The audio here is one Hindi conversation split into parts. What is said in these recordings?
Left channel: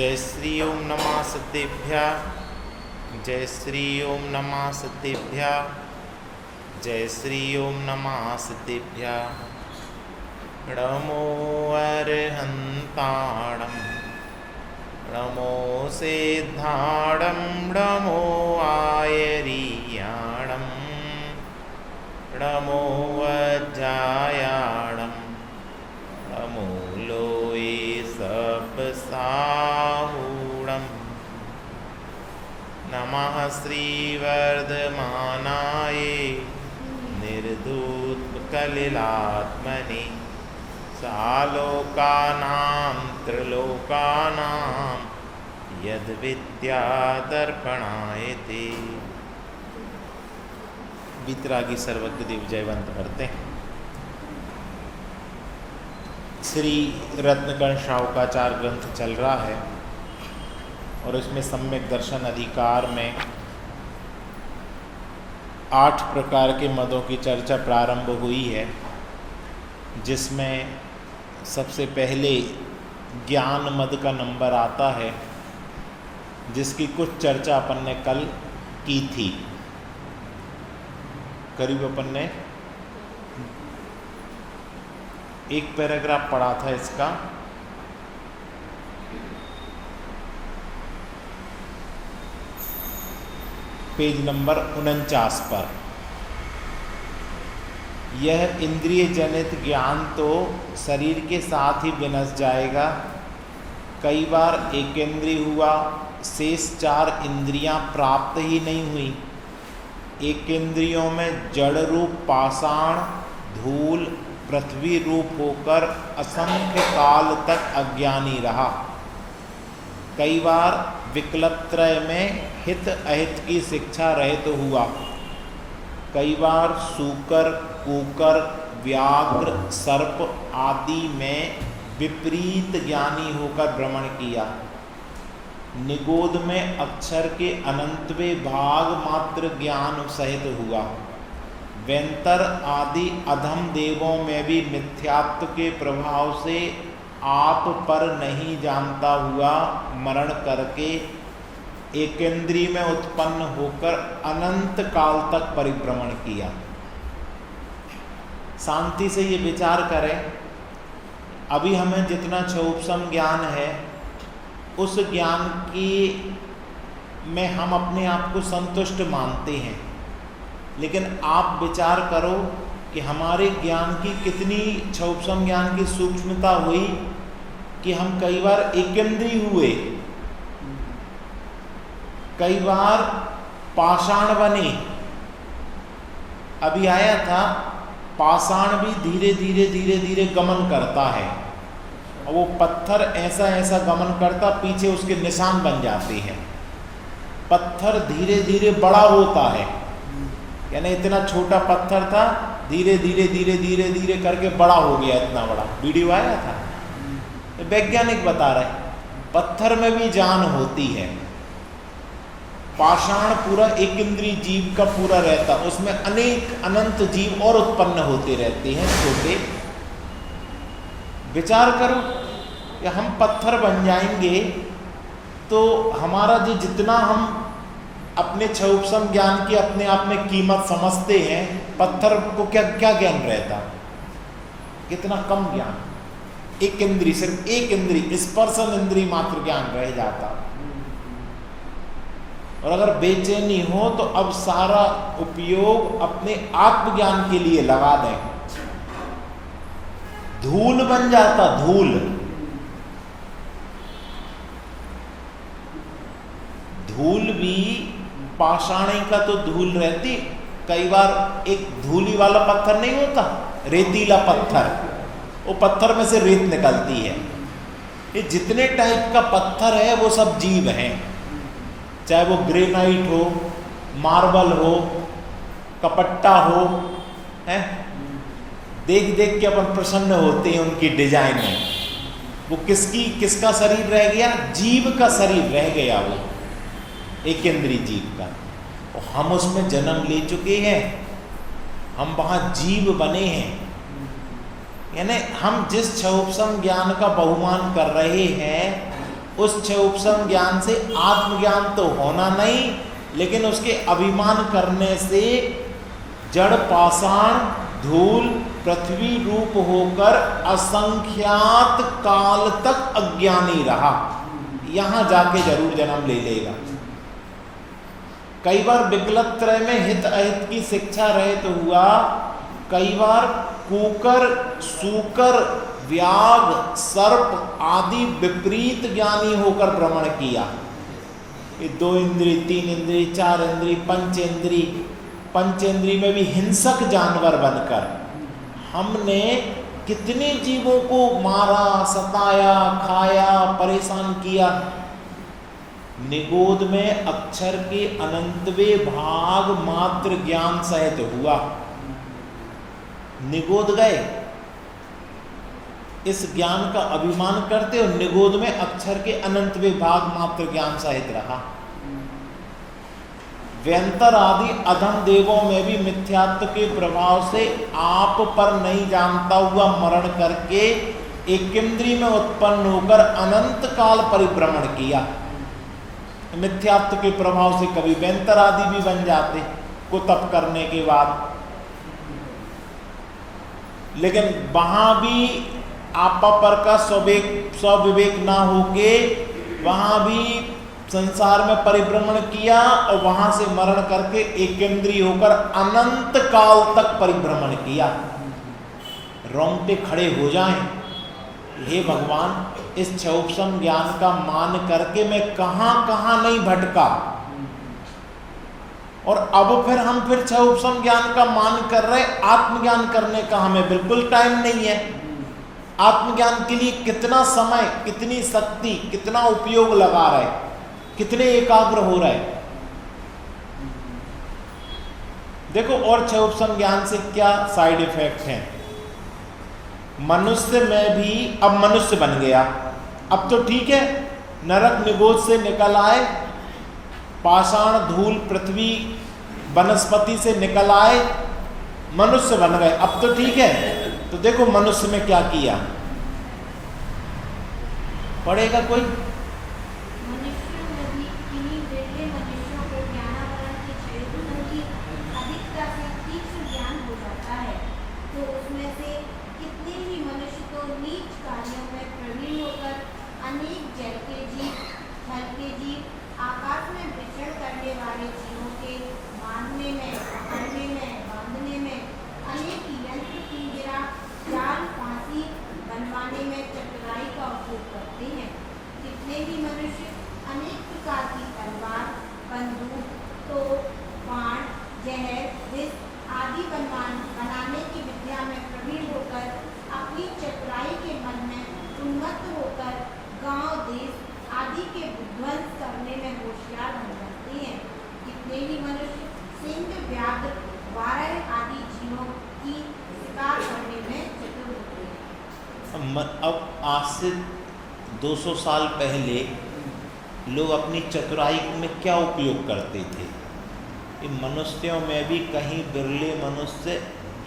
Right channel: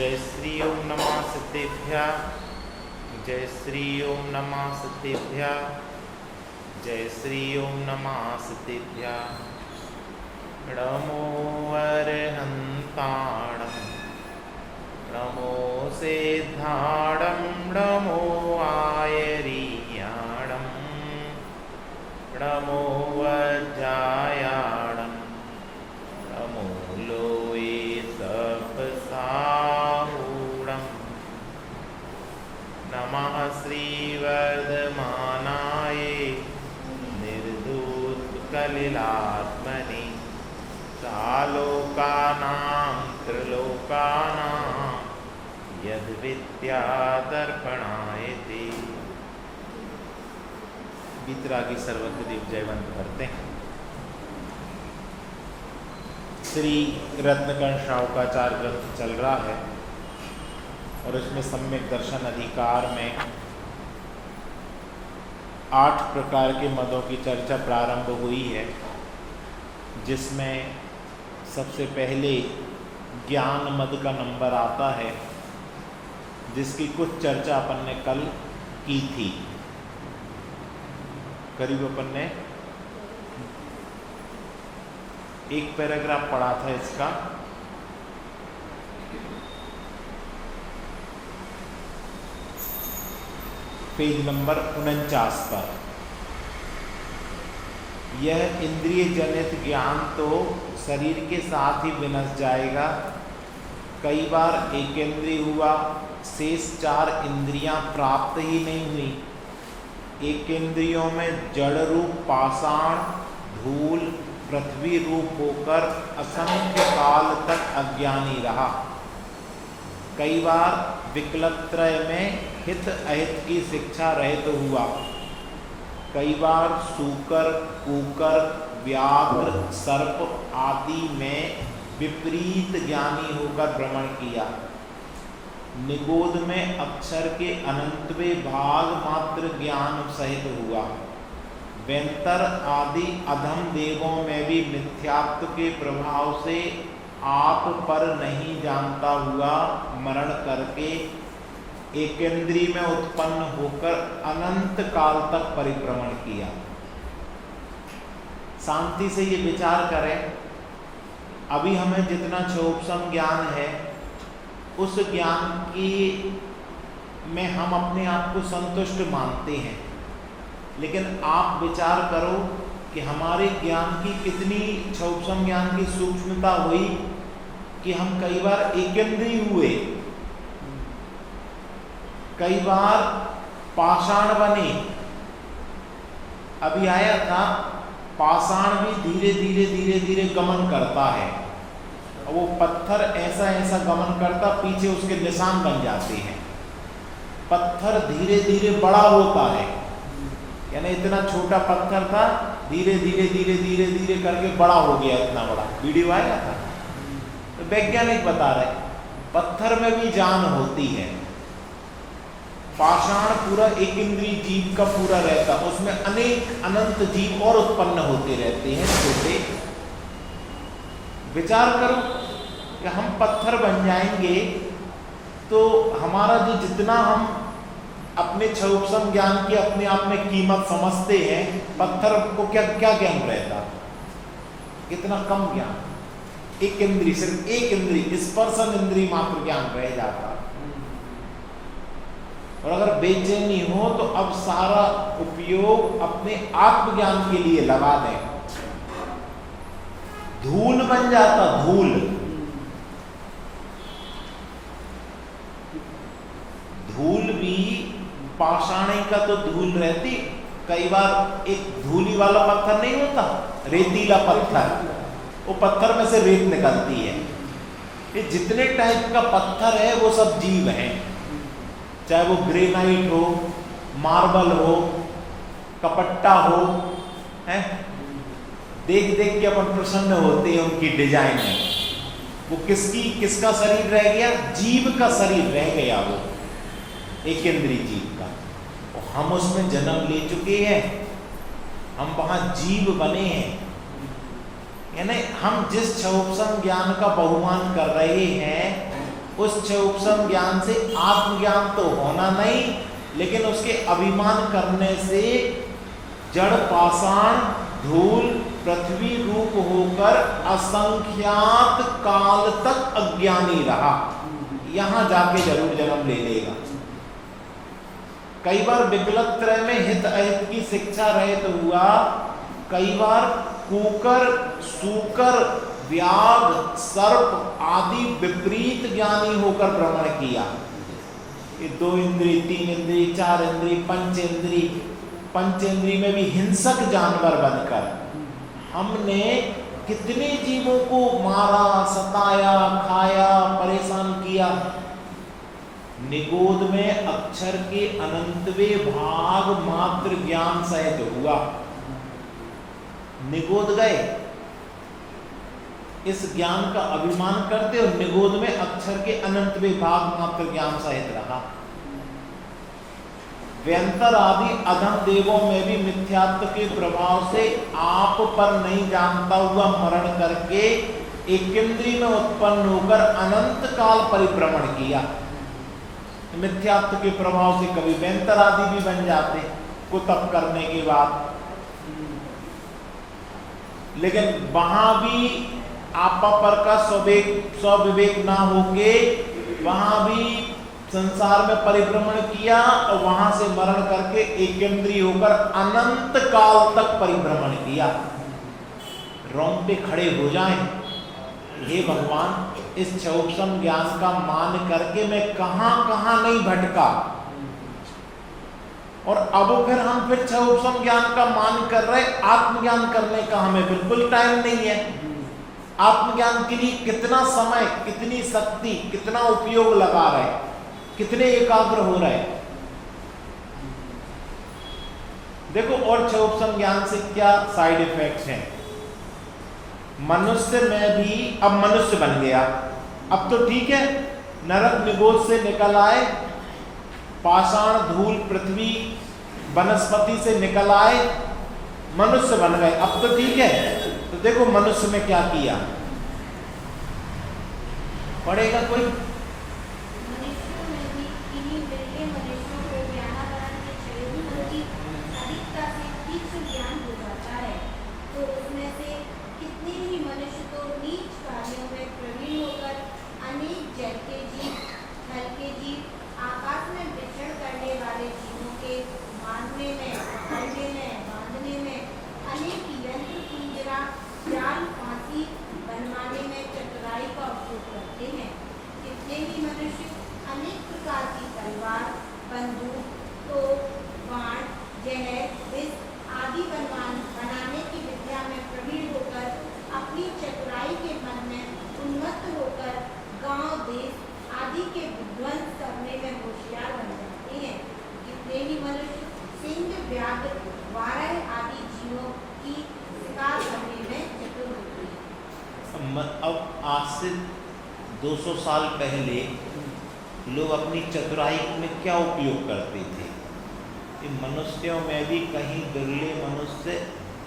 जय श्री ओम नमः सिद्धेभ्यः। जय श्री ओम नमः सिद्धेभ्यः। जय श्री ओम नमः सिद्धेभ्यः। नमो अरहन्ताणं नमो सिद्धाणं नमो आयरीयाणं नमो वज्रायाणं नमो लोये सपसाहूणं नमः श्रीवर्धमानाय निर्धूतकलिलात्मने सालोकानां त्रिलोकानां यद्विद्यादर्पणायते। वितरागी सर्वज्ञ देव जयवंत करते हैं। श्री रत्नकर्ण शाहुकाचार्य ग्रंथ चल रहा है और उसमें सम्यक दर्शन अधिकार में 8 प्रकार के मदों की चर्चा प्रारंभ हुई है, जिसमें सबसे पहले ज्ञान मद का नंबर आता है, जिसकी कुछ चर्चा अपन ने कल की थी। करीब अपन ने एक पैराग्राफ पढ़ा था इसका, पेज नंबर 49 पर। यह इंद्रिय जनित ज्ञान तो शरीर के साथ ही विनश जाएगा। कई बार एकेंद्रिय हुआ, शेष 4 इंद्रियां प्राप्त ही नहीं हुई। एकेंद्रियों में जड़ रूप पाषाण, धूल, पृथ्वी रूप होकर असंख्य काल तक अज्ञानी रहा। कई बार विकलत्रय में हित अहित की शिक्षा रहित हुआ। कई बार सूकर, कुकर, व्याघ्र, सर्प आदि में विपरीत ज्ञानी होकर भ्रमण किया। निगोध में अक्षर के अनंतवें भाग मात्र ज्ञान सहित हुआ। वेंतर आदि अधम देवों में भी मिथ्यात्व के प्रभाव से आप पर नहीं जानता हुआ मरण करके एकेंद्री में उत्पन्न होकर अनंत काल तक परिभ्रमण किया। शांति से ये विचार करें, अभी हमें जितना क्षोभसम ज्ञान है, उस ज्ञान की में हम अपने आप को संतुष्ट मानते हैं, लेकिन आप विचार करो कि हमारे ज्ञान की कितनी क्षोभसम ज्ञान की सूक्ष्मता हुई कि हम कई बार एकेंद्री हुए, कई बार पाषाण बने। अभी आया था, पाषाण भी धीरे धीरे धीरे धीरे गमन करता है, और वो पत्थर ऐसा ऐसा गमन करता, पीछे उसके निशान बन जाते हैं। पत्थर धीरे धीरे बड़ा होता है, यानी इतना छोटा पत्थर था, धीरे धीरे धीरे धीरे धीरे करके बड़ा हो गया, इतना बड़ा। वीडियो आया था, तो वैज्ञानिक बता रहे पत्थर में भी जान होती है। पाषाण पूरा एक इंद्रिय जीव का पूरा रहता, उसमें अनेक अनंत जीव और उत्पन्न होते रहते हैं छोटे। विचार करो कि हम पत्थर बन जाएंगे तो हमारा जो जितना हम अपने क्षोभसम ज्ञान की अपने आप में कीमत समझते हैं, पत्थर को क्या क्या ज्ञान रहता, कितना कम ज्ञान। एक इंद्रिय, सिर्फ एक इंद्रिय, स्पर्शन इंद्रिय मात्र ज्ञान रह जाता। और अगर बेचैनी हो तो अब सारा उपयोग अपने आत्मज्ञान के लिए लगा दें। धूल बन जाता, धूल। धूल भी पाषाणी का तो धूल रहती, कई बार एक धूली वाला पत्थर नहीं होता, रेतीला पत्थर, वो पत्थर में से रेत निकलती है। ये जितने टाइप का पत्थर है वो सब जीव हैं, चाहे वो ग्रेनाइट हो, मार्बल हो, कपट्टा हो, हैं? देख देख के अपन प्रसन्न होते हैं उनकी डिजाइन में। वो किसका शरीर रह गया? जीव का शरीर रह गया, वो एकेंद्रीय जीव का। और हम उसमें जन्म ले चुके हैं, हम वहाँ जीव बने हैं। यानी हम जिस क्षोभसम ज्ञान का बहुमान कर रहे हैं उस छह उपसम ज्ञान से आत्मज्ञान तो होना नहीं, लेकिन उसके अभिमान करने से जड़ पाषाण धूल पृथ्वी रूप होकर असंख्यात काल तक अज्ञानी रहा, यहां जाके जरूर जन्म ले लेगा। कई बार विकल्प त्रय में हित अहित की शिक्षा रहित हुआ, कई बार कुकर सूकर व्याघ सर्प आदि विपरीत ज्ञानी होकर भ्रमण किया। ये 2 इंद्री 3 इंद्री 4 इंद्री पंचेंद्री में भी हिंसक जानवर बनकर हमने कितने जीवों को मारा, सताया, खाया, परेशान किया। निगोद में अक्षर के अनंतवें भाग मात्र ज्ञान सहित हुआ। निगोद गए, इस ज्ञान का अभिमान करते और निगोद में अक्षर के अनंतवें भाग मात्र ज्ञान सहित रहा। व्यंतर आदि अधम देवों में भी मिथ्यात्व के प्रभाव से आप पर नहीं जानता हुआ मरण करके एक इंद्रिय में उत्पन्न होकर अनंत काल परिभ्रमण किया। मिथ्यात्व के प्रभाव से कभी व्यंतर आदि भी बन जाते कुतप करने के बाद, लेकिन वहां भी आपा पर का स्वविवेक ना होके वहां भी संसार में परिभ्रमण किया और वहां से मरण करके एकेंद्रीय होकर अनंत काल तक परिभ्रमण किया। रोंगटे खड़े हो जाएं, हे भगवान, इस क्षोभसम ज्ञान का मान करके मैं कहां कहां नहीं भटका, और अब फिर हम क्षोभसम ज्ञान का मान कर रहे, आत्मज्ञान करने का हमें बिल्कुल टाइम नहीं है। आत्मज्ञान के लिए कितना समय, कितनी शक्ति, कितना उपयोग लगा रहे, कितने एकाग्र हो रहे। देखो और क्षोभसम ज्ञान से क्या साइड इफेक्ट हैं। मनुष्य में भी, अब मनुष्य बन गया, अब तो ठीक है, नरक निगोद से निकल आए, पाषाण धूल पृथ्वी वनस्पति से निकल आए, मनुष्य बन गए, अब तो ठीक है। तो देखो मनुष्य में क्या किया, पढ़ेगा कोई? अब आज से 200 साल पहले लोग अपनी चतुराई में क्या उपयोग करते थे। इन मनुष्यों में भी कहीं बिरले मनुष्य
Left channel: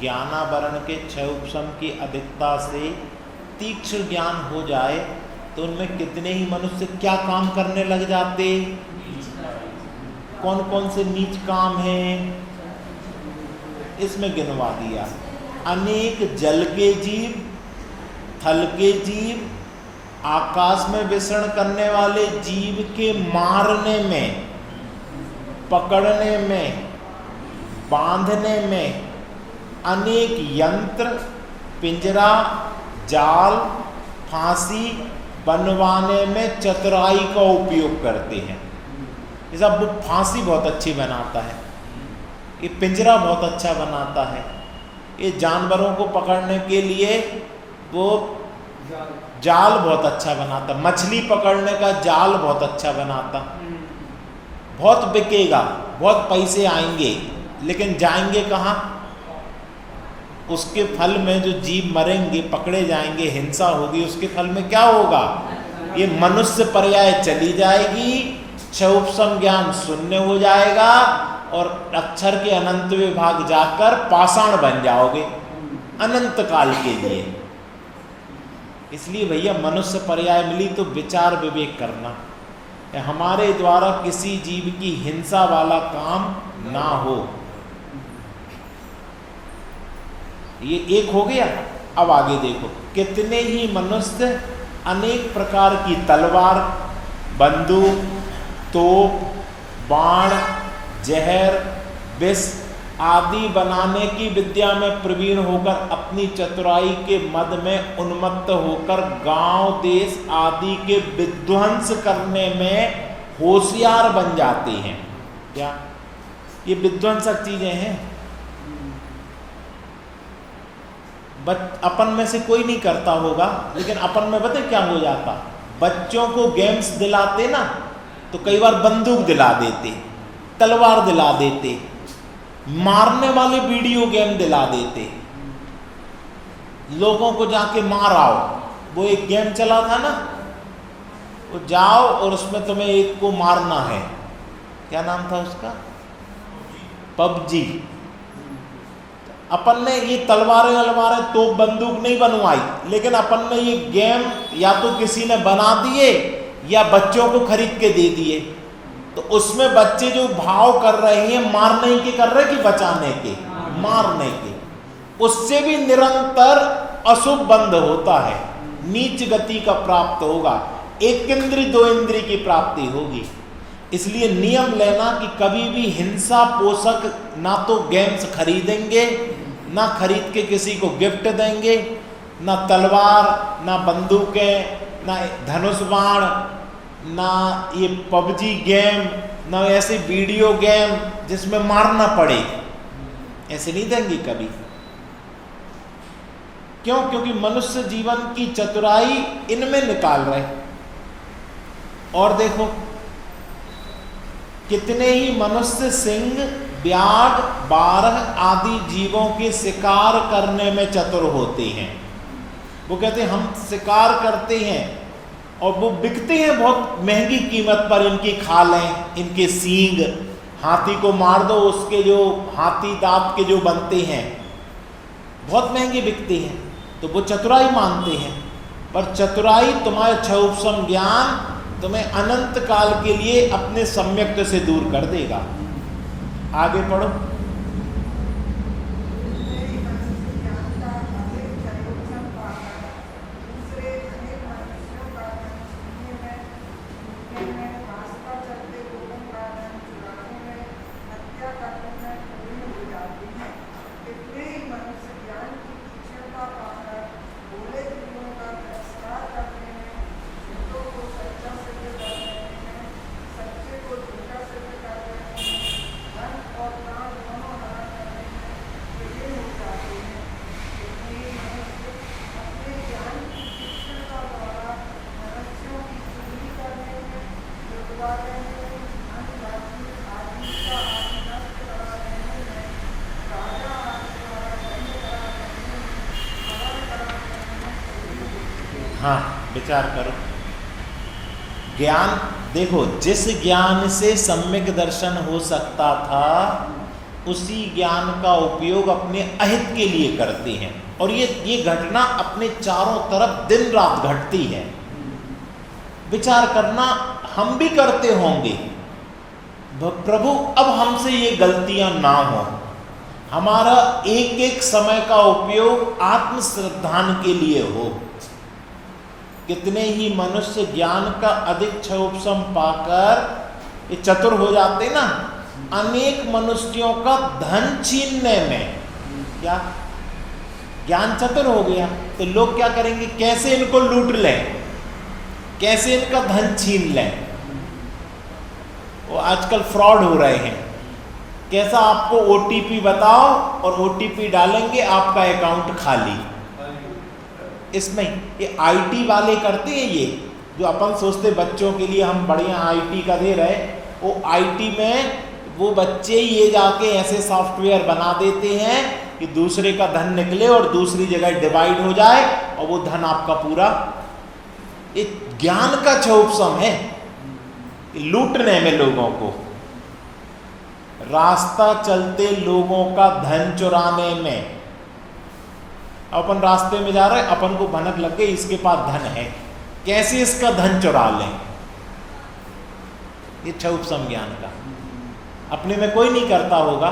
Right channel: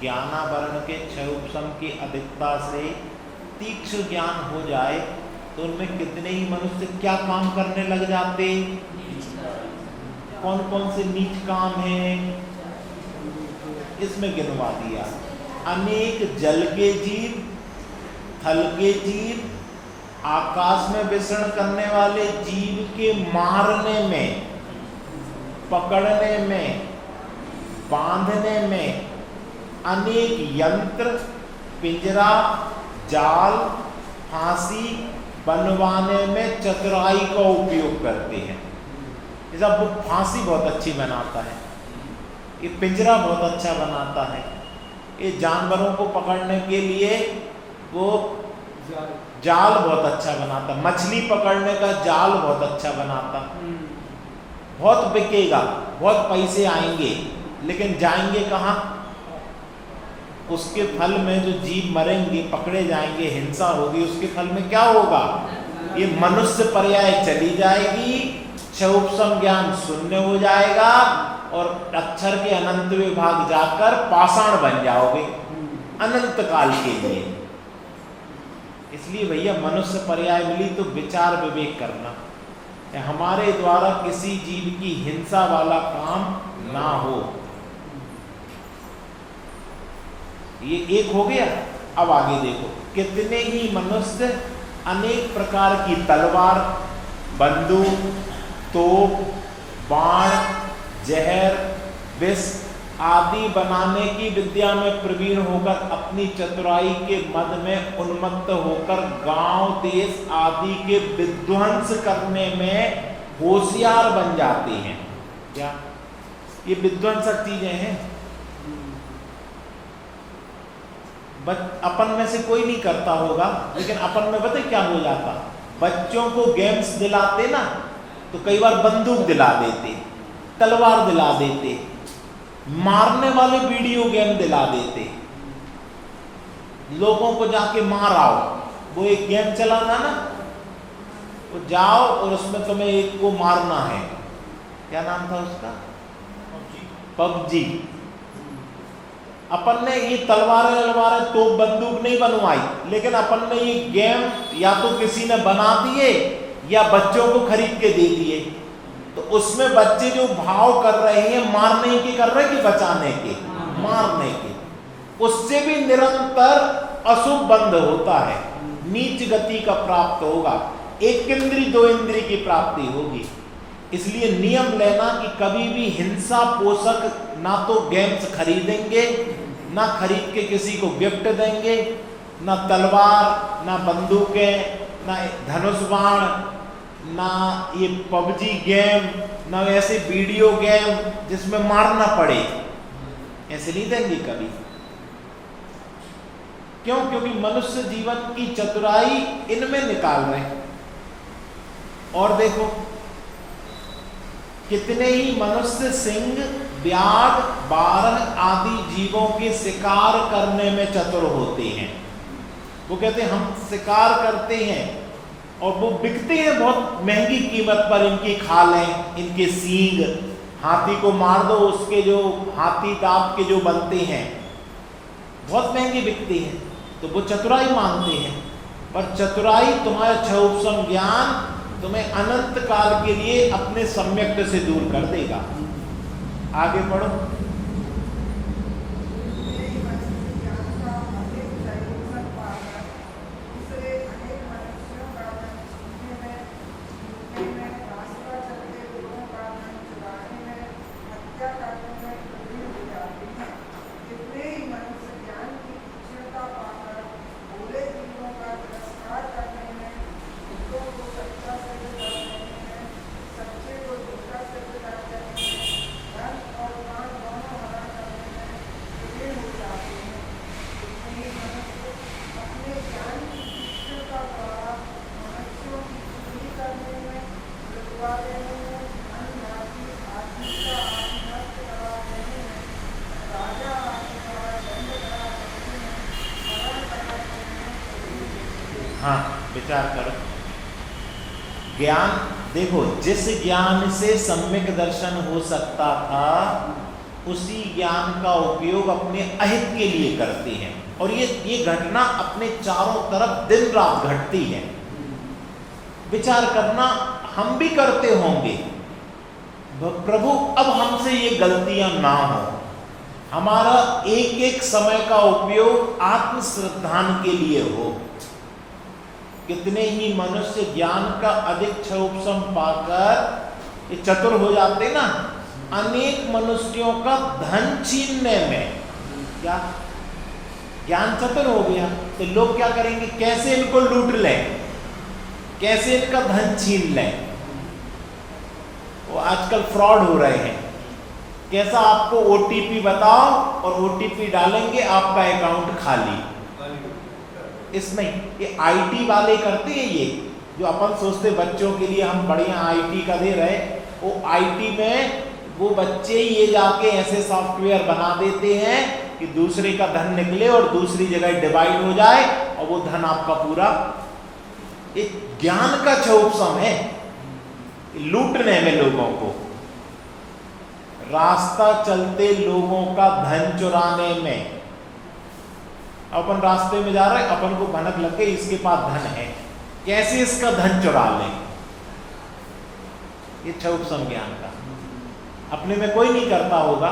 ज्ञानावरण के क्षय उपशम की अधिकता से तीक्ष्ण ज्ञान हो जाए तो उनमें कितने ही मनुष्य क्या काम करने लग जाते। कौन कौन से नीच काम हैं इसमें गिनवा दिया। अनेक जल के जीव, थल के जीव, आकाश में विचरण करने वाले जीव के मारने में, पकड़ने में, बांधने में अनेक यंत्र, पिंजरा, जाल, फांसी बनवाने में चतुराई का उपयोग करते हैं। जैसा वो फांसी बहुत अच्छी बनाता है, ये पिंजरा बहुत अच्छा बनाता है, ये जानवरों को पकड़ने के लिए वो जाल बहुत अच्छा बनाता, मछली पकड़ने का जाल बहुत अच्छा बनाता। बहुत बिकेगा, बहुत पैसे आएंगे, लेकिन जाएंगे कहाँ? उसके फल में जो जीव मरेंगे, पकड़े जाएंगे, हिंसा होगी, उसके फल में क्या होगा? ये मनुष्य पर्याय चली जाएगी, क्षोभसम ज्ञान शून्य हो जाएगा और अक्षर के अनंत विभाग जाकर पाषाण बन जाओगे अनंत काल के लिए। इसलिए भैया मनुष्य पर्याय मिली तो विचार विवेक करना, हमारे द्वारा किसी जीव की हिंसा वाला काम ना हो। ये एक हो गया। अब आगे देखो, कितने ही मनुष्य अनेक प्रकार की तलवार, बंदूक, तोप, बाण, जहर, विष आदि बनाने की विद्या में प्रवीण होकर अपनी चतुराई के मद में उन्मत्त होकर गांव देश आदि के विध्वंस करने में होशियार बन जाते हैं। क्या ये विध्वंसक चीजें हैं? अपन में से कोई नहीं करता होगा, लेकिन अपन में पता क्या हो जाता, बच्चों को गेम्स दिलाते ना तो कई बार बंदूक दिला देते, तलवार दिला देते, मारने वाले वीडियो गेम दिला देते, लोगों को जाके मार आओ। वो एक गेम चला था ना, वो जाओ और उसमें तुम्हें एक को मारना है, क्या नाम था उसका, पबजी। अपन ने ये तलवारें तो बंदूक नहीं बनवाई, लेकिन अपन ने ये गेम या तो किसी ने बना दिए या बच्चों को खरीद के दे दिए। तो उसमें बच्चे जो भाव कर रहे हैं, मारने के कर रहे कि बचाने के, मारने के, उससे भी निरंतर अशुभ बंध होता है, नीच गति का प्राप्त होगा, एक इंद्री दो इंद्री की प्राप्ति होगी। इसलिए नियम लेना कि कभी भी हिंसा पोषक ना तो गेम्स खरीदेंगे, ना खरीद के किसी को गिफ्ट देंगे, ना तलवार, ना बंदूकें, ना धनुष बाण, ना ये पबजी गेम, ना ऐसे वीडियो गेम जिसमें मारना पड़े, ऐसे नहीं देंगे कभी। क्यों? क्योंकि मनुष्य जीवन की चतुराई इनमें निकाल रहे। और देखो कितने ही मनुष्य सिंह, व्याघ्र, बारह आदि जीवों के शिकार करने में चतुर होते हैं। वो कहते हैं हम शिकार करते हैं और वो बिकते हैं बहुत महंगी कीमत पर, इनकी खालें, इनके सींग, हाथी को मार दो उसके जो हाथी दांत के जो बनते हैं बहुत महंगे बिकते हैं, तो वो चतुराई मानते हैं। पर चतुराई तुम्हारे क्षौपसम ज्ञान तुम्हें अनंत काल के लिए अपने सम्यक से दूर कर देगा। आगे पढ़ो। विचार करो। ज्ञान देखो, जिस ज्ञान से सम्यक दर्शन हो सकता था उसी ज्ञान का उपयोग अपने अहित के लिए करते हैं, और ये घटना अपने चारों तरफ दिन रात घटती है। विचार करना, हम भी करते होंगे। प्रभु अब हमसे ये गलतियां ना हो, हमारा एक एक समय का उपयोग आत्म श्रद्धान के लिए हो। कितने ही मनुष्य ज्ञान का अधिक क्षयोपशम पाकर ये चतुर हो जाते ना, अनेक मनुष्यों का धन छीनने में। क्या ज्ञान चतुर हो गया तो लोग क्या करेंगे, कैसे इनको लूट लें, कैसे इनका धन छीन लें। वो आजकल फ्रॉड हो रहे हैं। कैसा, आपको ओटीपी बताओ और ओटीपी डालेंगे, आपका अकाउंट खाली। इसमें ये आईटी वाले करते हैं, ये जो अपन सोचते बच्चों के लिए हम बढ़िया आईटी का दे रहे, वो आईटी में वो बच्चे ये जाके ऐसे सॉफ्टवेयर बना देते हैं कि दूसरे का धन निकले और दूसरी जगह डिवाइड हो जाए और वो धन आपका पूरा। ये ज्ञान का क्षोभसम है, लूटने में लोगों को, रास्ता चलते लोगों का धन चुराने में। अपन रास्ते में जा रहे हैं, अपन को भनक लग गई इसके पास धन है, कैसे इसका धन चुरा लें। ये क्षुप संज्ञान का अपने में कोई नहीं करता होगा,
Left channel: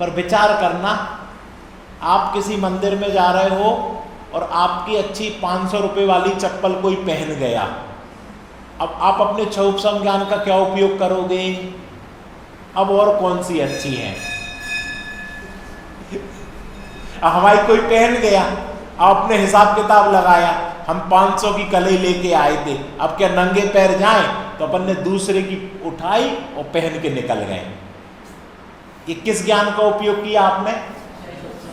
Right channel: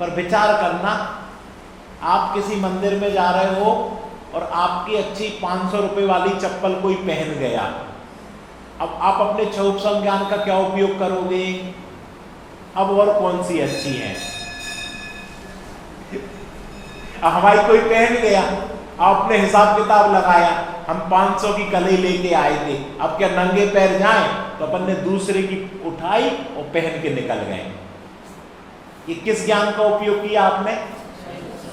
पर विचार करना, आप किसी मंदिर में जा रहे हो और आपकी अच्छी 500 रुपये वाली चप्पल कोई पहन गया, अब आप अपने क्षुप संज्ञान का क्या उपयोग करोगे? अब और कौन सी अच्छी है? हमारी कोई पहन गया, आपने हिसाब किताब लगाया, हम 500 की कली लेके आए थे, अब क्या नंगे पैर जाएं? तो अपन ने दूसरे की उठाई और पहन के निकल गए। ये किस ज्ञान का उपयोग किया आपने?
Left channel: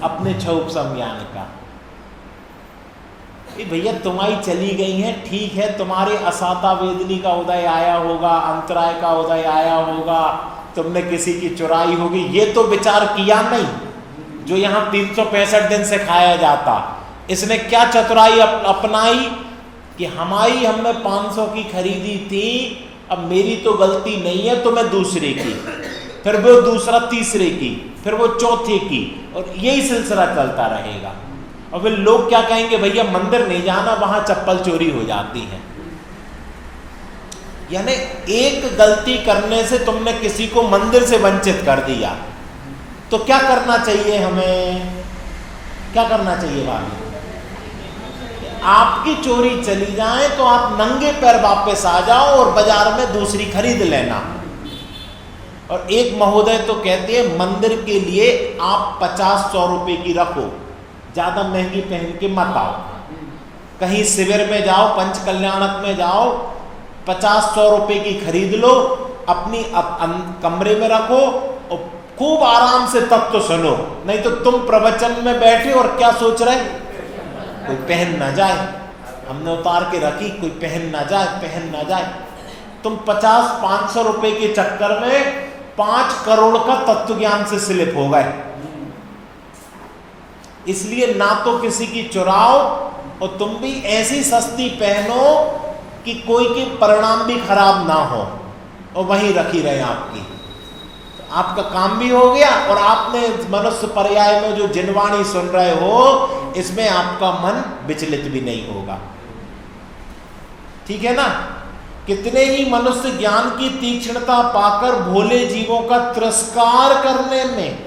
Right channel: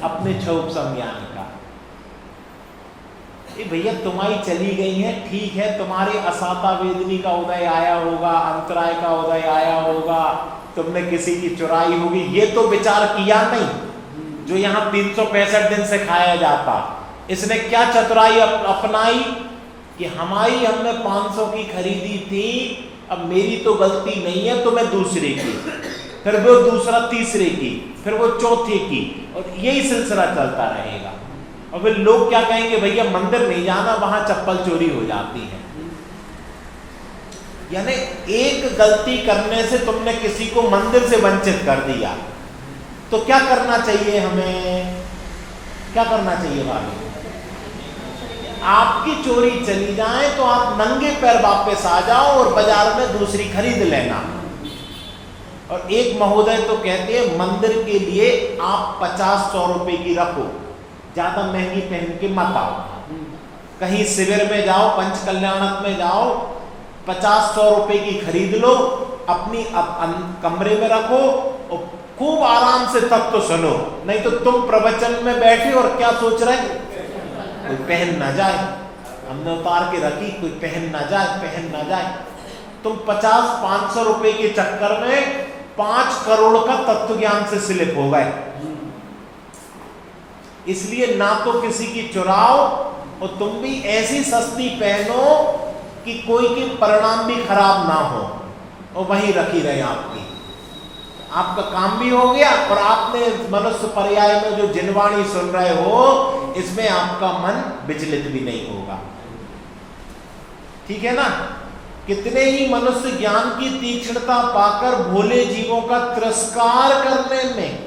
अपने क्षुप संज्ञान का। भैया तुम्हारी चली गई है, ठीक है, तुम्हारे असाता वेदनी का उदय आया होगा, अंतराय का उदय आया होगा, तुमने किसी की चुराई होगी, ये तो विचार किया नहीं जो यहाँ 365 दिन से खाया जाता। इसने क्या चतुराई अपनाई कि हमने 500 की खरीदी थी, अब मेरी तो गलती नहीं है, तो मैं दूसरे की, फिर वो दूसरा तीसरे की, फिर वो चौथे की, और यही सिलसिला चलता रहेगा। और फिर लोग क्या कहेंगे, भैया मंदिर नहीं जाना, वहां चप्पल चोरी हो जाती है। यानी एक गलती करने से तुमने किसी को मंदिर से वंचित कर दिया, तो क्या करना चाहिए हमें? क्या करना चाहिए भाभी? आपकी चोरी चली जाए तो आप नंगे पैर वापस आ जाओ और बाजार में दूसरी खरीद लेना। और एक महोदय तो कहते हैं मंदिर के लिए आप 50-100 रुपए की रखो, ज्यादा महंगी पहन के मत आओ। कहीं शिविर में जाओ, पंच कल्याणक में जाओ, 50-100 रुपए की खरीद लो, अपनी कमरे में रखो और खूब आराम से तत्व सुनो। नहीं तो तुम प्रवचन में बैठे और क्या सोच रहे, कोई पहन ना जाए, हमने उतार के रखी, कोई पहन ना जाए। तुम 50-500 रुपए के चक्कर में 5 करोड़ का तत्व ज्ञान से स्लिप हो गए। इसलिए ना तो किसी की चुराओ, और तुम भी ऐसी सस्ती पहनो कि कोई के परिणाम भी खराब ना हो और वहीं रखी रहे आपकी। आपका काम भी हो गया और आपने मनुष्य पर्याय में जो जिनवाणी सुन रहे हो, इसमें आपका मन विचलित भी नहीं होगा। ठीक है ना? कितने ही मनुष्य ज्ञान की तीक्ष्णता पाकर भोले जीवों का तिरस्कार करने में,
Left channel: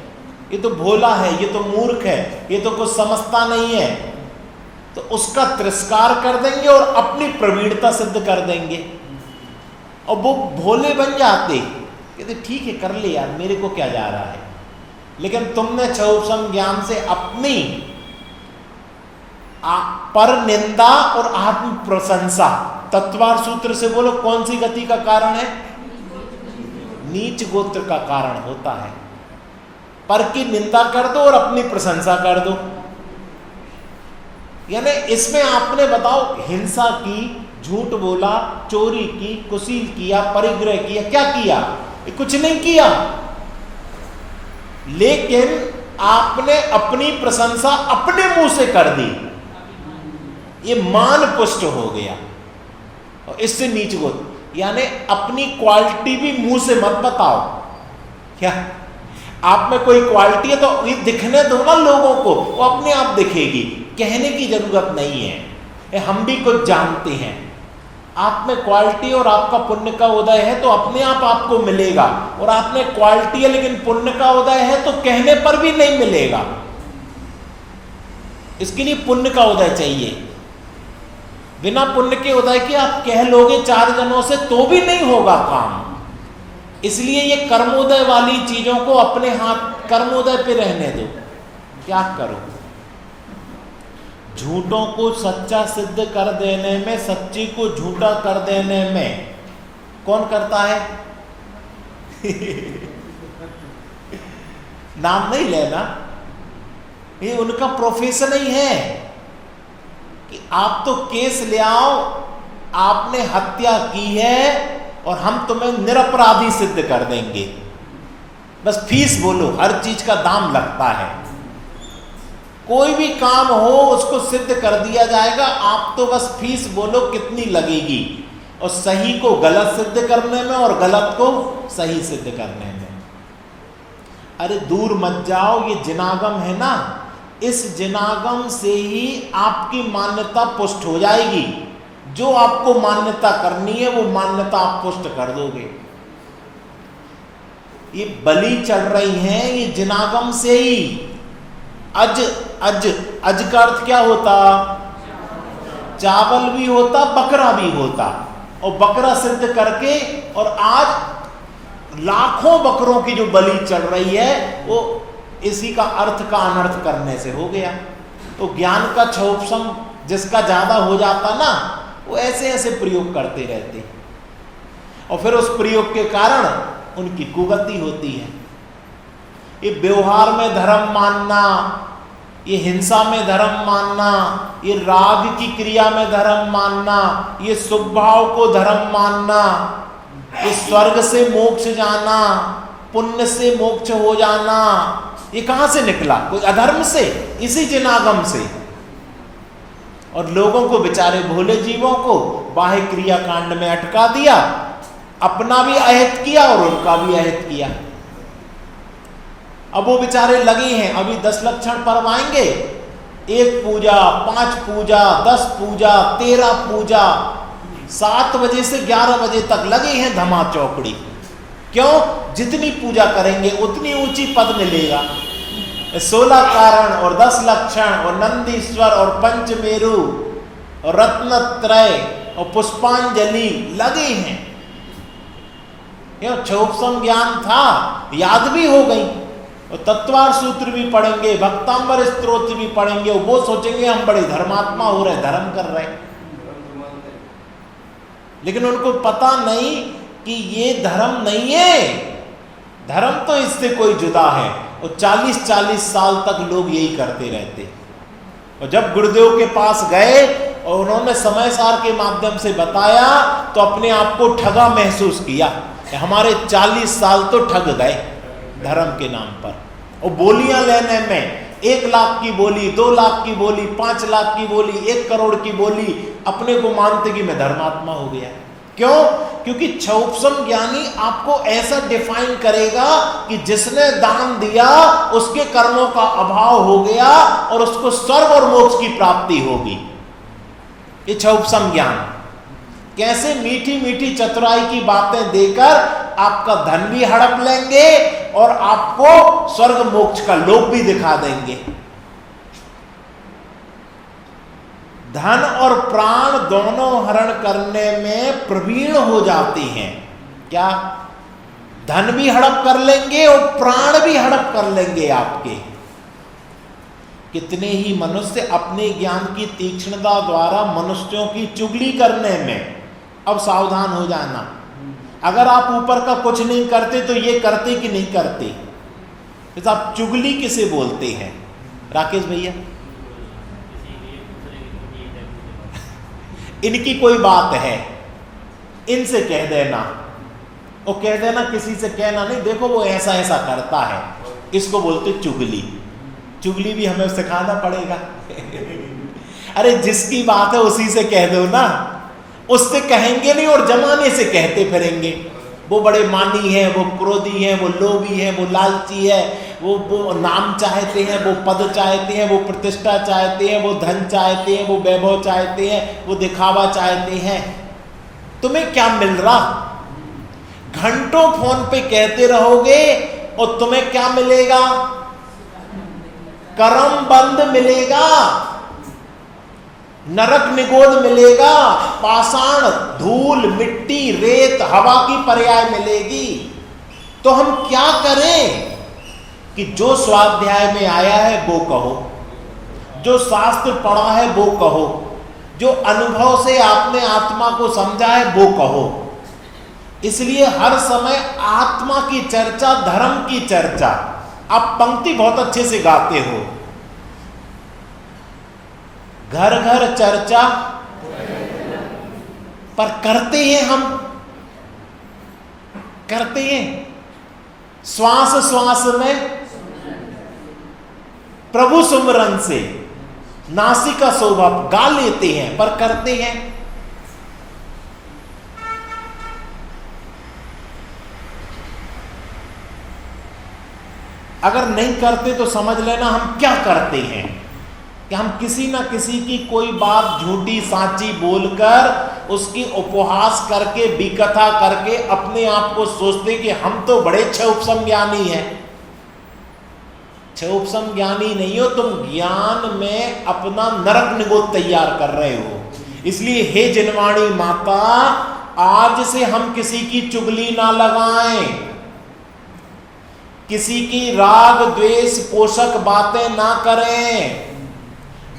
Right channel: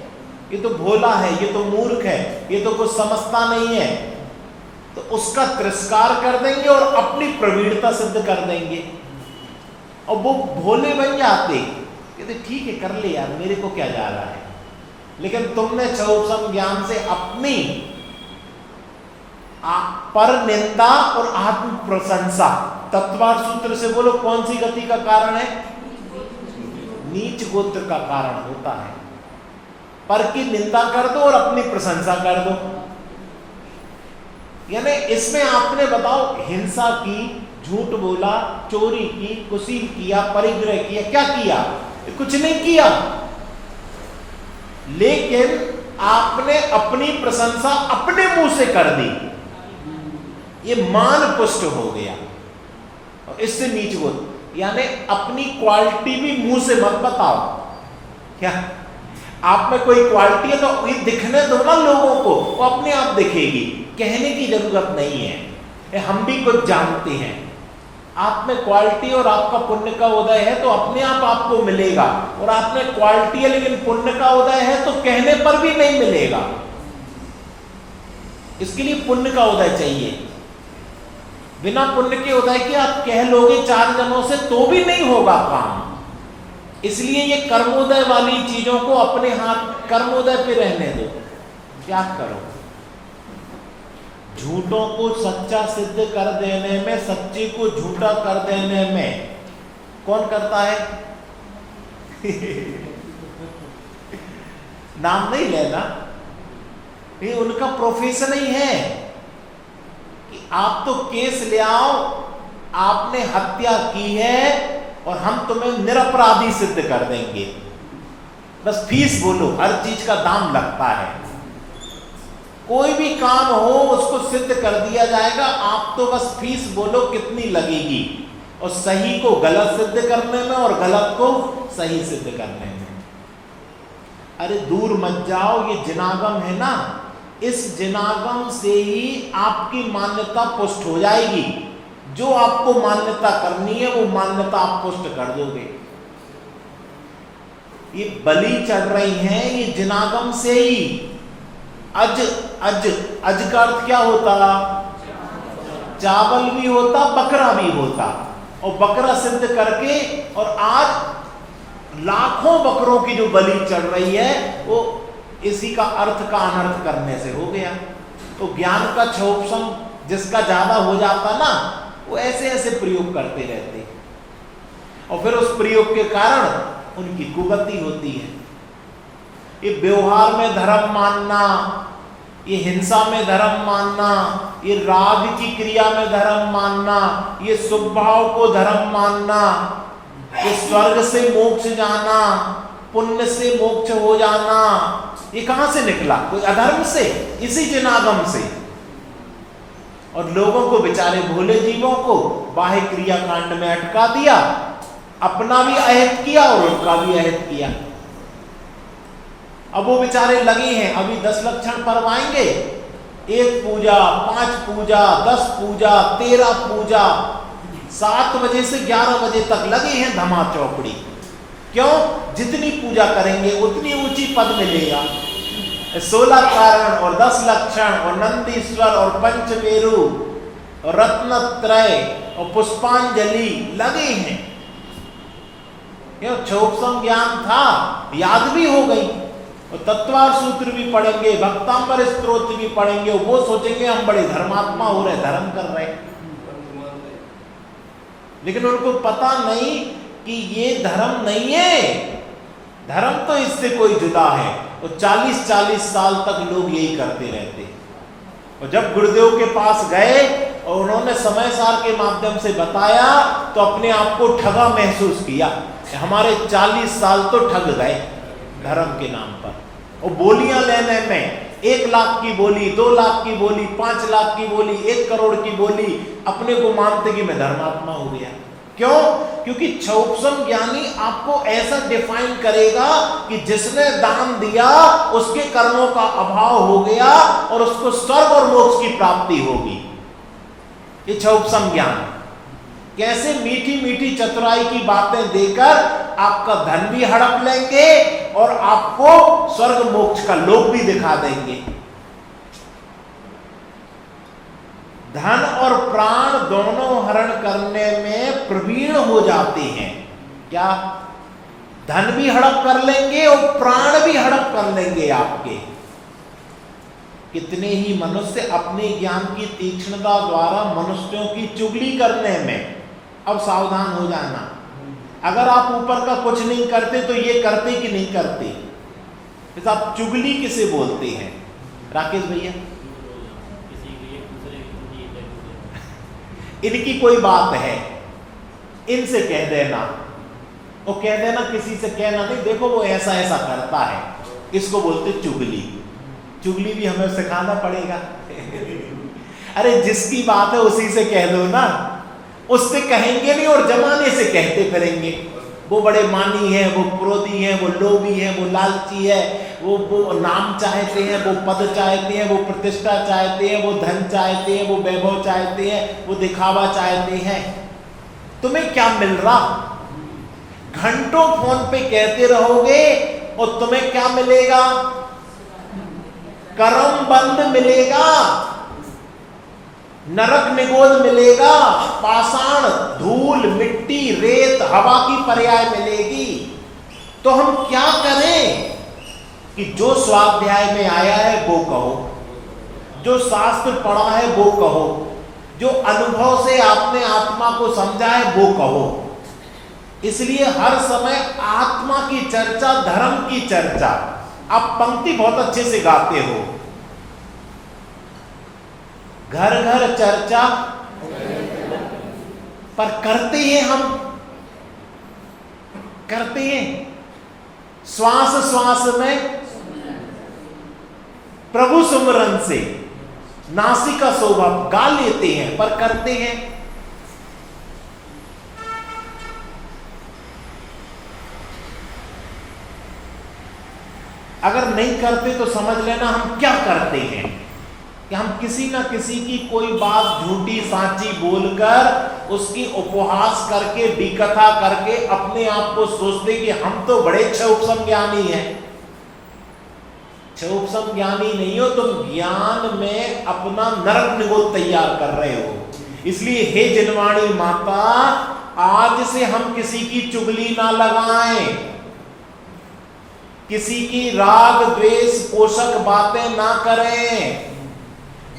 ये तो भोला है, ये तो मूर्ख है, ये तो कुछ समझता नहीं है, तो उसका तिरस्कार कर देंगे और अपनी प्रवीणता सिद्ध कर देंगे, और वो भोले बन जाते, कहते ठीक है कर ले यार, मेरे को क्या जा रहा है। लेकिन तुमने क्षुप ज्ञान से अपनी पर निंदा और आत्म प्रशंसा, तत्वार सूत्र से बोलो कौन सी गति का कारण है? नीच गोत्र का कारण होता है। पर की निंदा कर दो और अपनी प्रशंसा कर दो। यानी इसमें आपने बताओ हिंसा की, झूठ बोला, चोरी की, कुशील किया, परिग्रह किया, क्या किया? कुछ नहीं किया, लेकिन आपने अपनी प्रशंसा अपने मुंह से कर दी, ये मान पुष्ट हो गया। और इससे नीच गोत्र, यानी अपनी क्वालिटी भी मुंह से मत बताओ। क्या आप में कोई क्वालिटी है तो ये दिखने दो ना लोगों को, वो अपने आप दिखेगी, कहने की जरूरत नहीं है। हम भी कुछ जानते हैं, आप में क्वालिटी और आपका पुण्य का उदय है तो अपने आप आपको मिलेगा, और आप में क्वालिटी है लेकिन पुण्य का उदय है तो कहने पर भी नहीं मिलेगा। इसके लिए पुण्य का उदय चाहिए। बिना पुण्य के उदय के आप कह लोगे 4 जनों से तो भी नहीं होगा काम। इसलिए ये कर्मोदय वाली चीजों को अपने हाथ, कर्मोदय पे रहने दो। क्या करो? झूठों को सच्चा सिद्ध कर देने में, सच्ची को झूठा कर देने में कौन करता है? नाम नहीं लेना, ये उनका प्रोफेशन ही है कि आप तो केस ले आओ, आपने हत्या की है और हम तुम्हें निरपराधी सिद्ध कर देंगे। बस फीस बोलो, हर चीज का दाम लगता है। कोई भी काम हो उसको सिद्ध कर दिया जाएगा, आप तो बस फीस बोलो कितनी लगेगी, और सही को गलत सिद्ध करने में और गलत को सही सिद्ध करने में। अरे दूर मत जाओ, ये जिनागम है ना, इस जिनागम से ही आपकी मान्यता पुष्ट हो जाएगी। जो आपको मान्यता करनी है वो मान्यता आप पुष्ट कर दोगे। ये बलि चढ़ रही हैं ये जिनागम से ही। अज अज अज का अर्थ क्या होता? चावल भी होता, बकरा भी होता, और बकरा सिद्ध करके, और आज लाखों बकरों की जो बलि चढ़ रही है वो इसी का अर्थ का अनर्थ करने से हो गया। तो ज्ञान का क्षोभसम जिसका ज्यादा हो जाता ना, वो ऐसे ऐसे प्रयोग करते रहते, और फिर उस प्रयोग के कारण उनकी कुगति होती है। ये व्यवहार में धर्म मानना, ये हिंसा में धर्म मानना, ये राग की क्रिया में धर्म मानना, ये स्वभाव को धर्म मानना, ये स्वर्ग से मोक्ष जाना, पुण्य से मोक्ष हो जाना, ये कहां से निकला? कोई अधर्म से, इसी जिनागम से। और लोगों को, बेचारे भोले जीवों को बाह्य क्रिया कांड में अटका दिया, अपना भी अहित किया और उनका भी अहित किया। अब वो बेचारे लगे हैं, अभी 10 लक्षण पर्व आएंगे, 1 पूजा, 5 पूजा, 10 पूजा, 13 पूजा, 7 बजे से 11 बजे तक लगे हैं धमा चौकड़ी। क्यों? जितनी पूजा करेंगे उतनी ऊंची पद मिलेगा। 16 कारण और 10 लक्षण और नंदीश्वर और पंचमेरु और रत्नत्रय और पुष्पांजलि लगे हैं। क्षोभसम ज्ञान था, याद भी हो गई, और तत्वार सूत्र भी पढ़ेंगे, भक्तांबर स्तोत्र भी पढ़ेंगे, और वो सोचेंगे हम बड़े धर्मात्मा हो रहे, धर्म कर रहे। लेकिन उनको पता नहीं कि ये धर्म नहीं है, धर्म तो इससे कोई जुदा है। और 40-40 साल तक लोग यही करते रहते। और जब गुरुदेव के पास गए और उन्होंने समय सार के माध्यम से बताया, तो अपने आप को ठगा महसूस किया। हमारे 40 साल तो ठग गए धर्म के नाम पर, और बोलियां लेने में 1 लाख की बोली, 2 लाख की बोली, 5 लाख की बोली, 1 करोड़ की बोली, अपने को मानते कि मैं धर्मात्मा हो गया। क्यों? क्योंकि क्षोभसम ज्ञानी आपको ऐसा डिफाइन करेगा कि जिसने दान दिया उसके कर्मों का अभाव हो गया और उसको स्वर्ग और मोक्ष की प्राप्ति होगी। ये क्षोभसम ज्ञान। कैसे मीठी मीठी चतुराई की बातें देकर आपका धन भी हड़प लेंगे और आपको स्वर्ग मोक्ष का लोक भी दिखा देंगे। धन और प्राण दोनों हरण करने में प्रवीण हो जाते हैं। क्या? धन भी हड़प कर लेंगे और प्राण भी हड़प कर लेंगे आपके। कितने ही मनुष्य अपने ज्ञान की तीक्ष्णता द्वारा मनुष्यों की चुगली करने में। अब सावधान हो जाना, अगर आप ऊपर का कुछ नहीं करते तो ये करते कि नहीं करते? तो आप चुगली किसे बोलते हैं राकेश भैया? इनकी कोई बात है, इनसे कह देना, वो कह देना, किसी से कहना नहीं, देखो वो ऐसा ऐसा करता है, इसको बोलते चुगली। चुगली भी हमें सिखाना पड़ेगा। अरे जिसकी बात है उसी से कह दो ना, उससे कहेंगे नहीं और जमाने से कहते फिरेंगे। वो बड़े मानी है, वो क्रोधी है, वो लोभी है, वो लालची है, वो नाम चाहते हैं, वो पद चाहते हैं, वो प्रतिष्ठा चाहते हैं, वो धन चाहते हैं, वो वैभव चाहते हैं, वो दिखावा चाहते हैं। तुम्हें क्या मिल रहा? घंटों फोन पे कहते रहोगे और तुम्हें क्या मिलेगा? कर्म बंद मिलेगा, नरक निगोद मिलेगा, पाषाण, धूल, मिट्टी, रेत, हवा की पर्याय मिलेगी। तो हम क्या करें कि जो स्वाध्याय में आया है वो कहो, जो शास्त्र पढ़ा है वो कहो, जो अनुभव से आपने आत्मा को समझा है वो कहो। इसलिए हर समय आत्मा की चर्चा, धर्म की चर्चा। आप पंक्ति बहुत अच्छे से गाते हो, घर घर चर्चा, पर करते हैं हम, करते हैं श्वास श्वास में प्रभु सुमरन से नासिका शोभा गा लेते हैं, पर करते हैं। अगर नहीं करते तो समझ लेना हम क्या करते हैं कि हम किसी ना किसी की कोई बात झूठी सांची बोलकर उसकी उपहास करके विकथा करके अपने आप को सोचते कि हम तो बड़े अच्छे उपसंज्ञानी हैं। अच्छे उपसंज्ञानी नहीं हो, तुम ज्ञान में अपना नरक निगोद तैयार कर रहे हो। इसलिए हे जिनवाणी माता, आज से हम किसी की चुगली ना लगाएं, किसी की राग द्वेष पोषक बातें ना करें।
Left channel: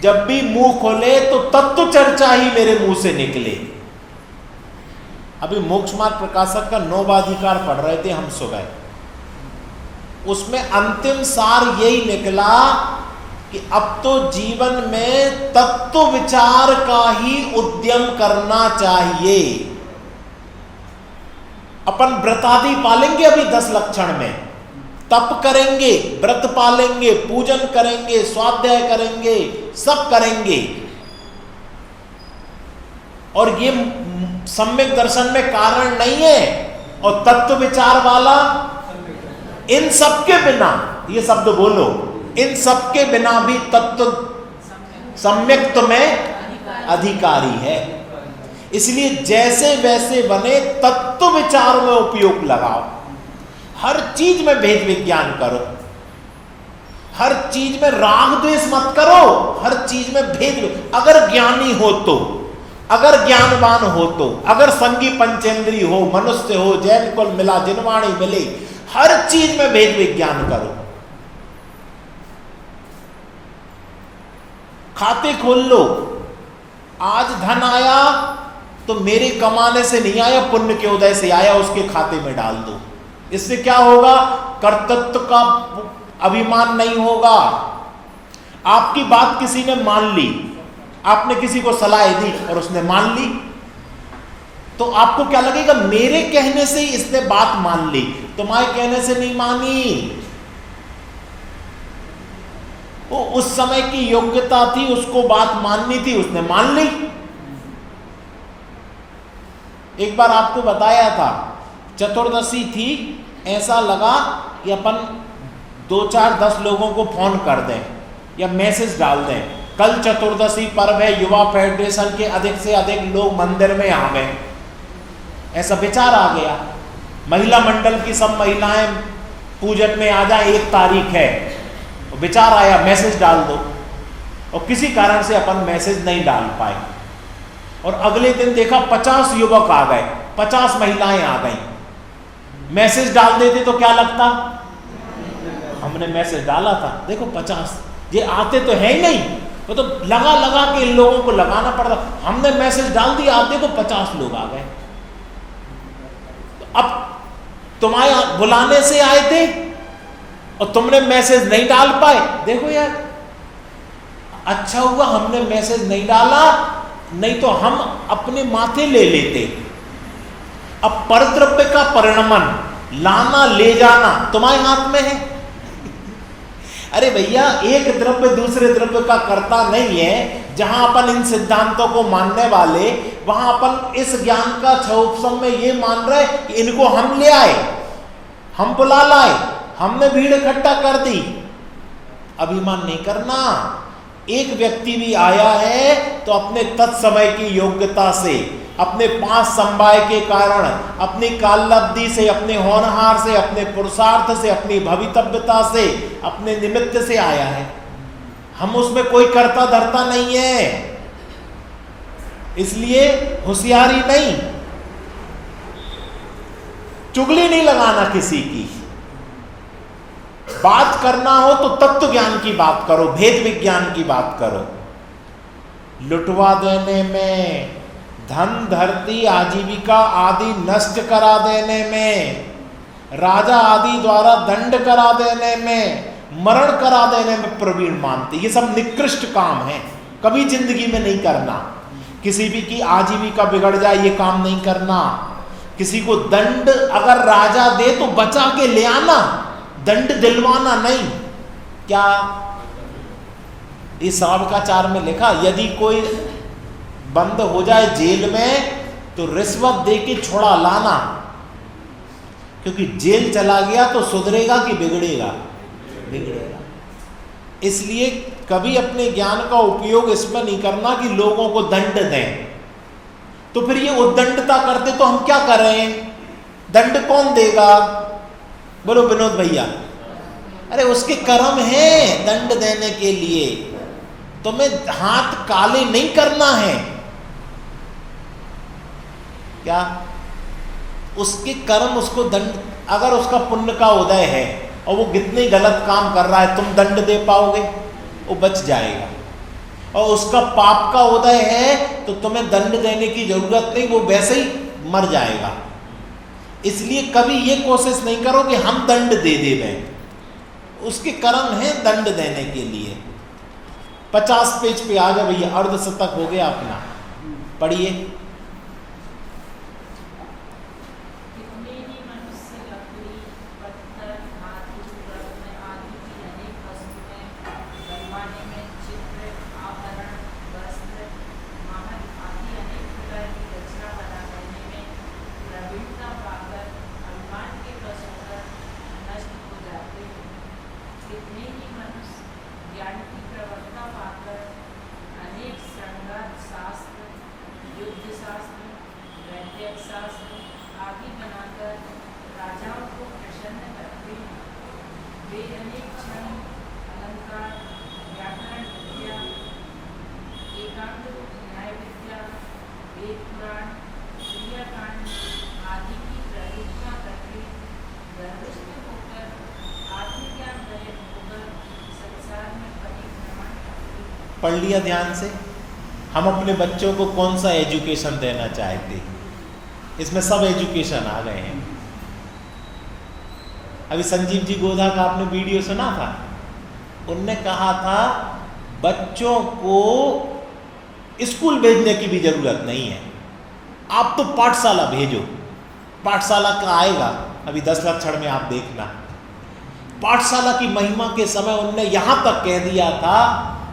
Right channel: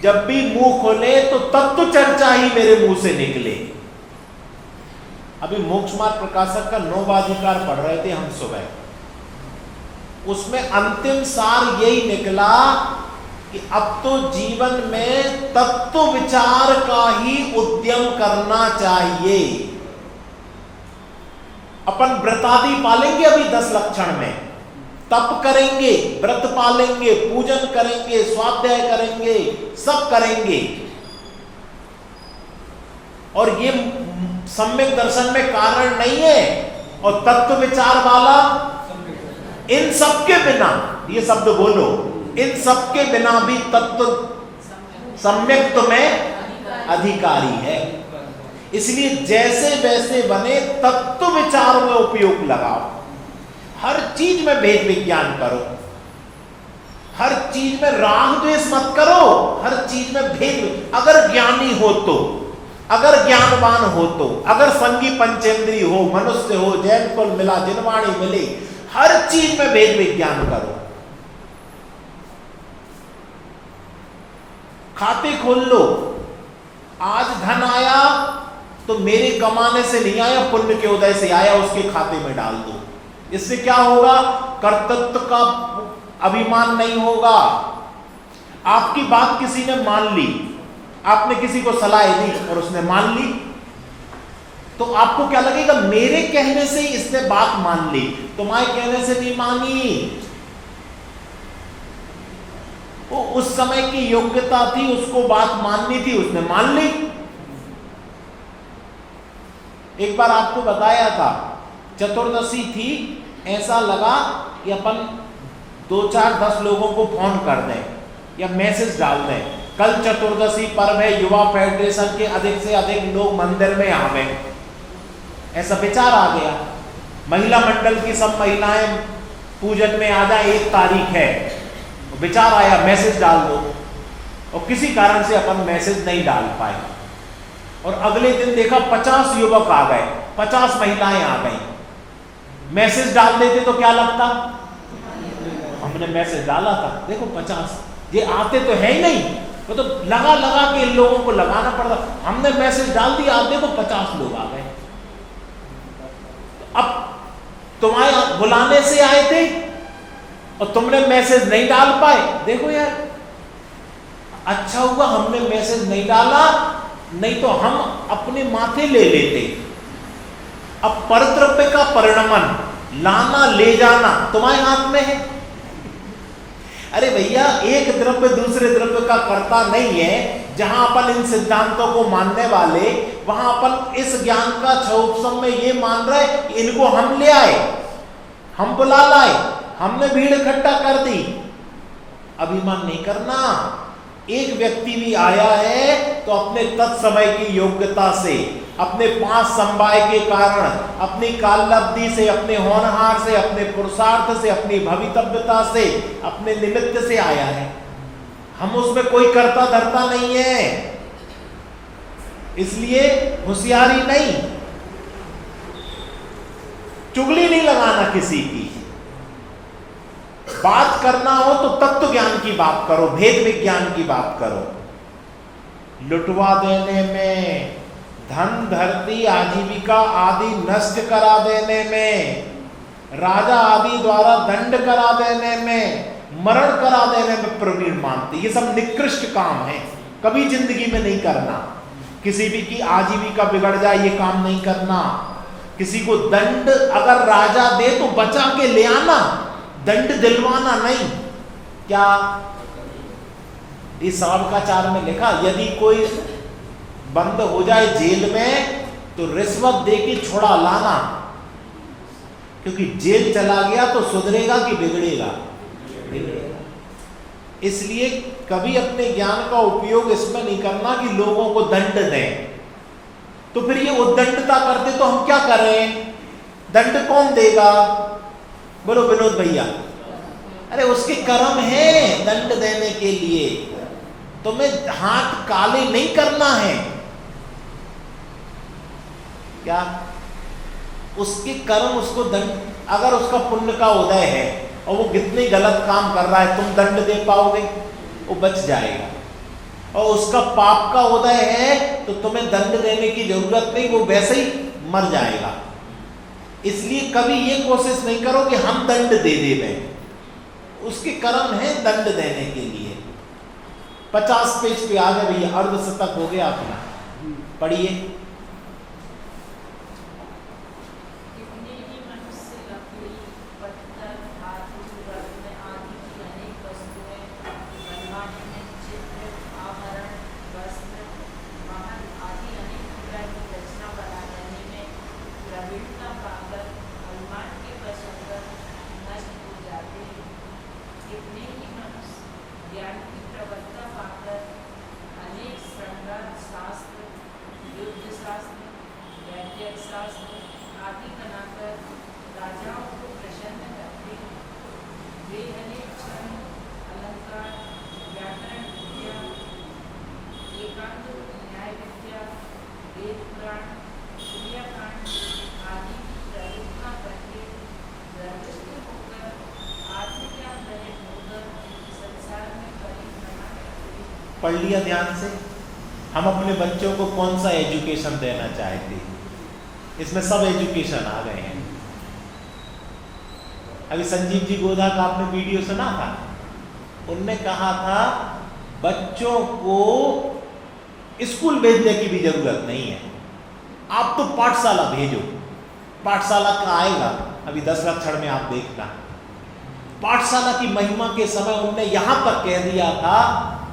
जब भी मुंह खोले तो तत्व चर्चा ही मेरे मुंह से निकले। अभी मोक्ष मार्ग प्रकाशक का 9वां अधिकार पढ़ रहे थे हम सुबह, उसमें अंतिम सार यही निकला कि अब तो जीवन में तत्व विचार का ही उद्यम करना चाहिए। अपन व्रतादि पालेंगे अभी 10 लक्षण में, तप करेंगे, व्रत पालेंगे, पूजन करेंगे, स्वाध्याय करेंगे, सब करेंगे, और ये सम्यक दर्शन में कारण नहीं है। और तत्व विचार वाला इन सब के बिना, ये शब्द बोलो, इन सब के बिना भी तत्व सम्यक में अधिकारी है। इसलिए जैसे वैसे बने तत्व विचार में उपयोग लगाओ। हर चीज में भेद विज्ञान करो, हर चीज में राग द्वेष मत करो, हर चीज में भेद। अगर ज्ञानी हो तो, अगर ज्ञानवान हो तो, अगर संगी पंचेंद्री हो, मनुष्य हो, जैन कुल मिला, जिनवाणी मिले, हर चीज में भेद विज्ञान करो। खाते खोल लो, आज धन आया तो मेरे कमाने से नहीं आया, पुण्य के उदय से आया, उसके खाते में डाल दो। इससे क्या होगा? कर्तृत्व का अभिमान नहीं होगा। आपकी बात किसी ने मान ली, आपने किसी को सलाह दी और उसने मान ली, तो आपको क्या लगेगा? मेरे कहने से ही इसने बात मान ली, तुम्हारे कहने से नहीं मानी। वो उस समय की योग्यता थी, उसको बात माननी थी, उसने मान ली। एक बार आपको बताया था, चतुर्दशी थी, ऐसा लगा कि अपन 2-4-10 लोगों को फोन कर दें या मैसेज डाल दें, कल चतुर्दशी पर्व है, युवा फेडरेशन के अधिक से अधिक लोग मंदिर में आ गए। ऐसा विचार आ गया, महिला मंडल की सब महिलाएं पूजन में आ जाए, 1 तारीख है, विचार आया मैसेज डाल दो, और किसी कारण से अपन मैसेज नहीं डाल पाए, और अगले दिन देखा 50 युवक आ गए, 50 महिलाएं आ गई। मैसेज डाल देते तो क्या लगता? हमने मैसेज डाला था, देखो 50, ये आते तो है ही नहीं, वो तो लगा लगा के इन लोगों को लगाना पड़ता। हमने मैसेज डाल दिया, आप देखो 50 लोग आ गए। अब तुम्हारे बुलाने से आए थे और तुमने मैसेज नहीं डाल पाए, देखो यार, अच्छा हुआ हमने मैसेज नहीं डाला, नहीं तो हम अपने माथे ले लेते। अब परद्रव्य का परिणमन, लाना ले जाना तुम्हारे हाथ में है। अरे भैया, एक द्रव्य दूसरे द्रव्य का कर्ता नहीं है। जहां अपन इन सिद्धांतों को मानने वाले, वहां अपन इस ज्ञान का क्षोभसम में ये मान रहे कि इनको हम ले आए, हम बुला लाए, हमने भीड़ इकट्ठा कर दी। अभिमान नहीं करना। एक व्यक्ति भी आया है तो अपने तत्समय की योग्यता से, अपने 5 समवाय के कारण, अपनी काललब्धि से, अपने होनहार से, अपने पुरुषार्थ से, अपनी भवितव्यता से, अपने निमित्त से आया है। हम उसमें कोई कर्ता धर्ता नहीं है। इसलिए होशियारी नहीं, चुगली नहीं लगाना किसी की। बात करना हो तो तत्व ज्ञान की बात करो, भेद विज्ञान की बात करो। लुटवा देने में, धन धरती आजीविका आदि नष्ट करा देने में, राजा आदि द्वारा दंड करा देने में, मरण करा देने में प्रवीण मानते, ये सब निकृष्ट काम है, कभी जिंदगी में नहीं करना। किसी भी की आजीविका बिगड़ जाए ये काम नहीं करना। किसी को दंड अगर राजा दे तो बचा के ले आना, दंड दिलवाना नहीं। क्या इस सावकाचार में लिखा, यदि कोई बंद हो जाए जेल में तो रिश्वत दे के छुड़ा लाना, क्योंकि जेल चला गया तो सुधरेगा कि बिगड़ेगा? बिगड़ेगा। इसलिए कभी अपने ज्ञान का उपयोग इसमें नहीं करना कि लोगों को दंड दें। तो फिर ये उद्दंडता करते तो हम क्या करें? दंड कौन देगा? बोलो विनोद भैया। अरे उसके कर्म है दंड देने के लिए, तुम्हें हाथ काले नहीं करना है। क्या उसके कर्म उसको दंड, अगर उसका पुण्य का उदय है और वो कितने गलत काम कर रहा है, तुम दंड दे पाओगे? वो बच जाएगा। और उसका पाप का उदय है तो तुम्हें दंड देने की जरूरत नहीं, वो वैसे ही मर जाएगा। इसलिए कभी ये कोशिश नहीं करो कि हम दंड दे दें, उसके कर्म है दंड देने के लिए। 50 पेज पे आ गए भैया, अर्धशतक हो गया अपना, पढ़िए। पढ़ लिया ध्यान से। हम अपने बच्चों को कौन सा एजुकेशन देना चाहते हैं? इसमें सब एजुकेशन आ गए हैं। अभी संजीव जी गोधा का आपने वीडियो सुना था, उनने कहा था बच्चों को स्कूल भेजने की भी जरूरत नहीं है, आप तो पाठशाला भेजो। पाठशाला का आएगा अभी 10 लक्षण में, आप देखना। पाठशाला की महिमा के समय उनने यहां तक कह दिया था,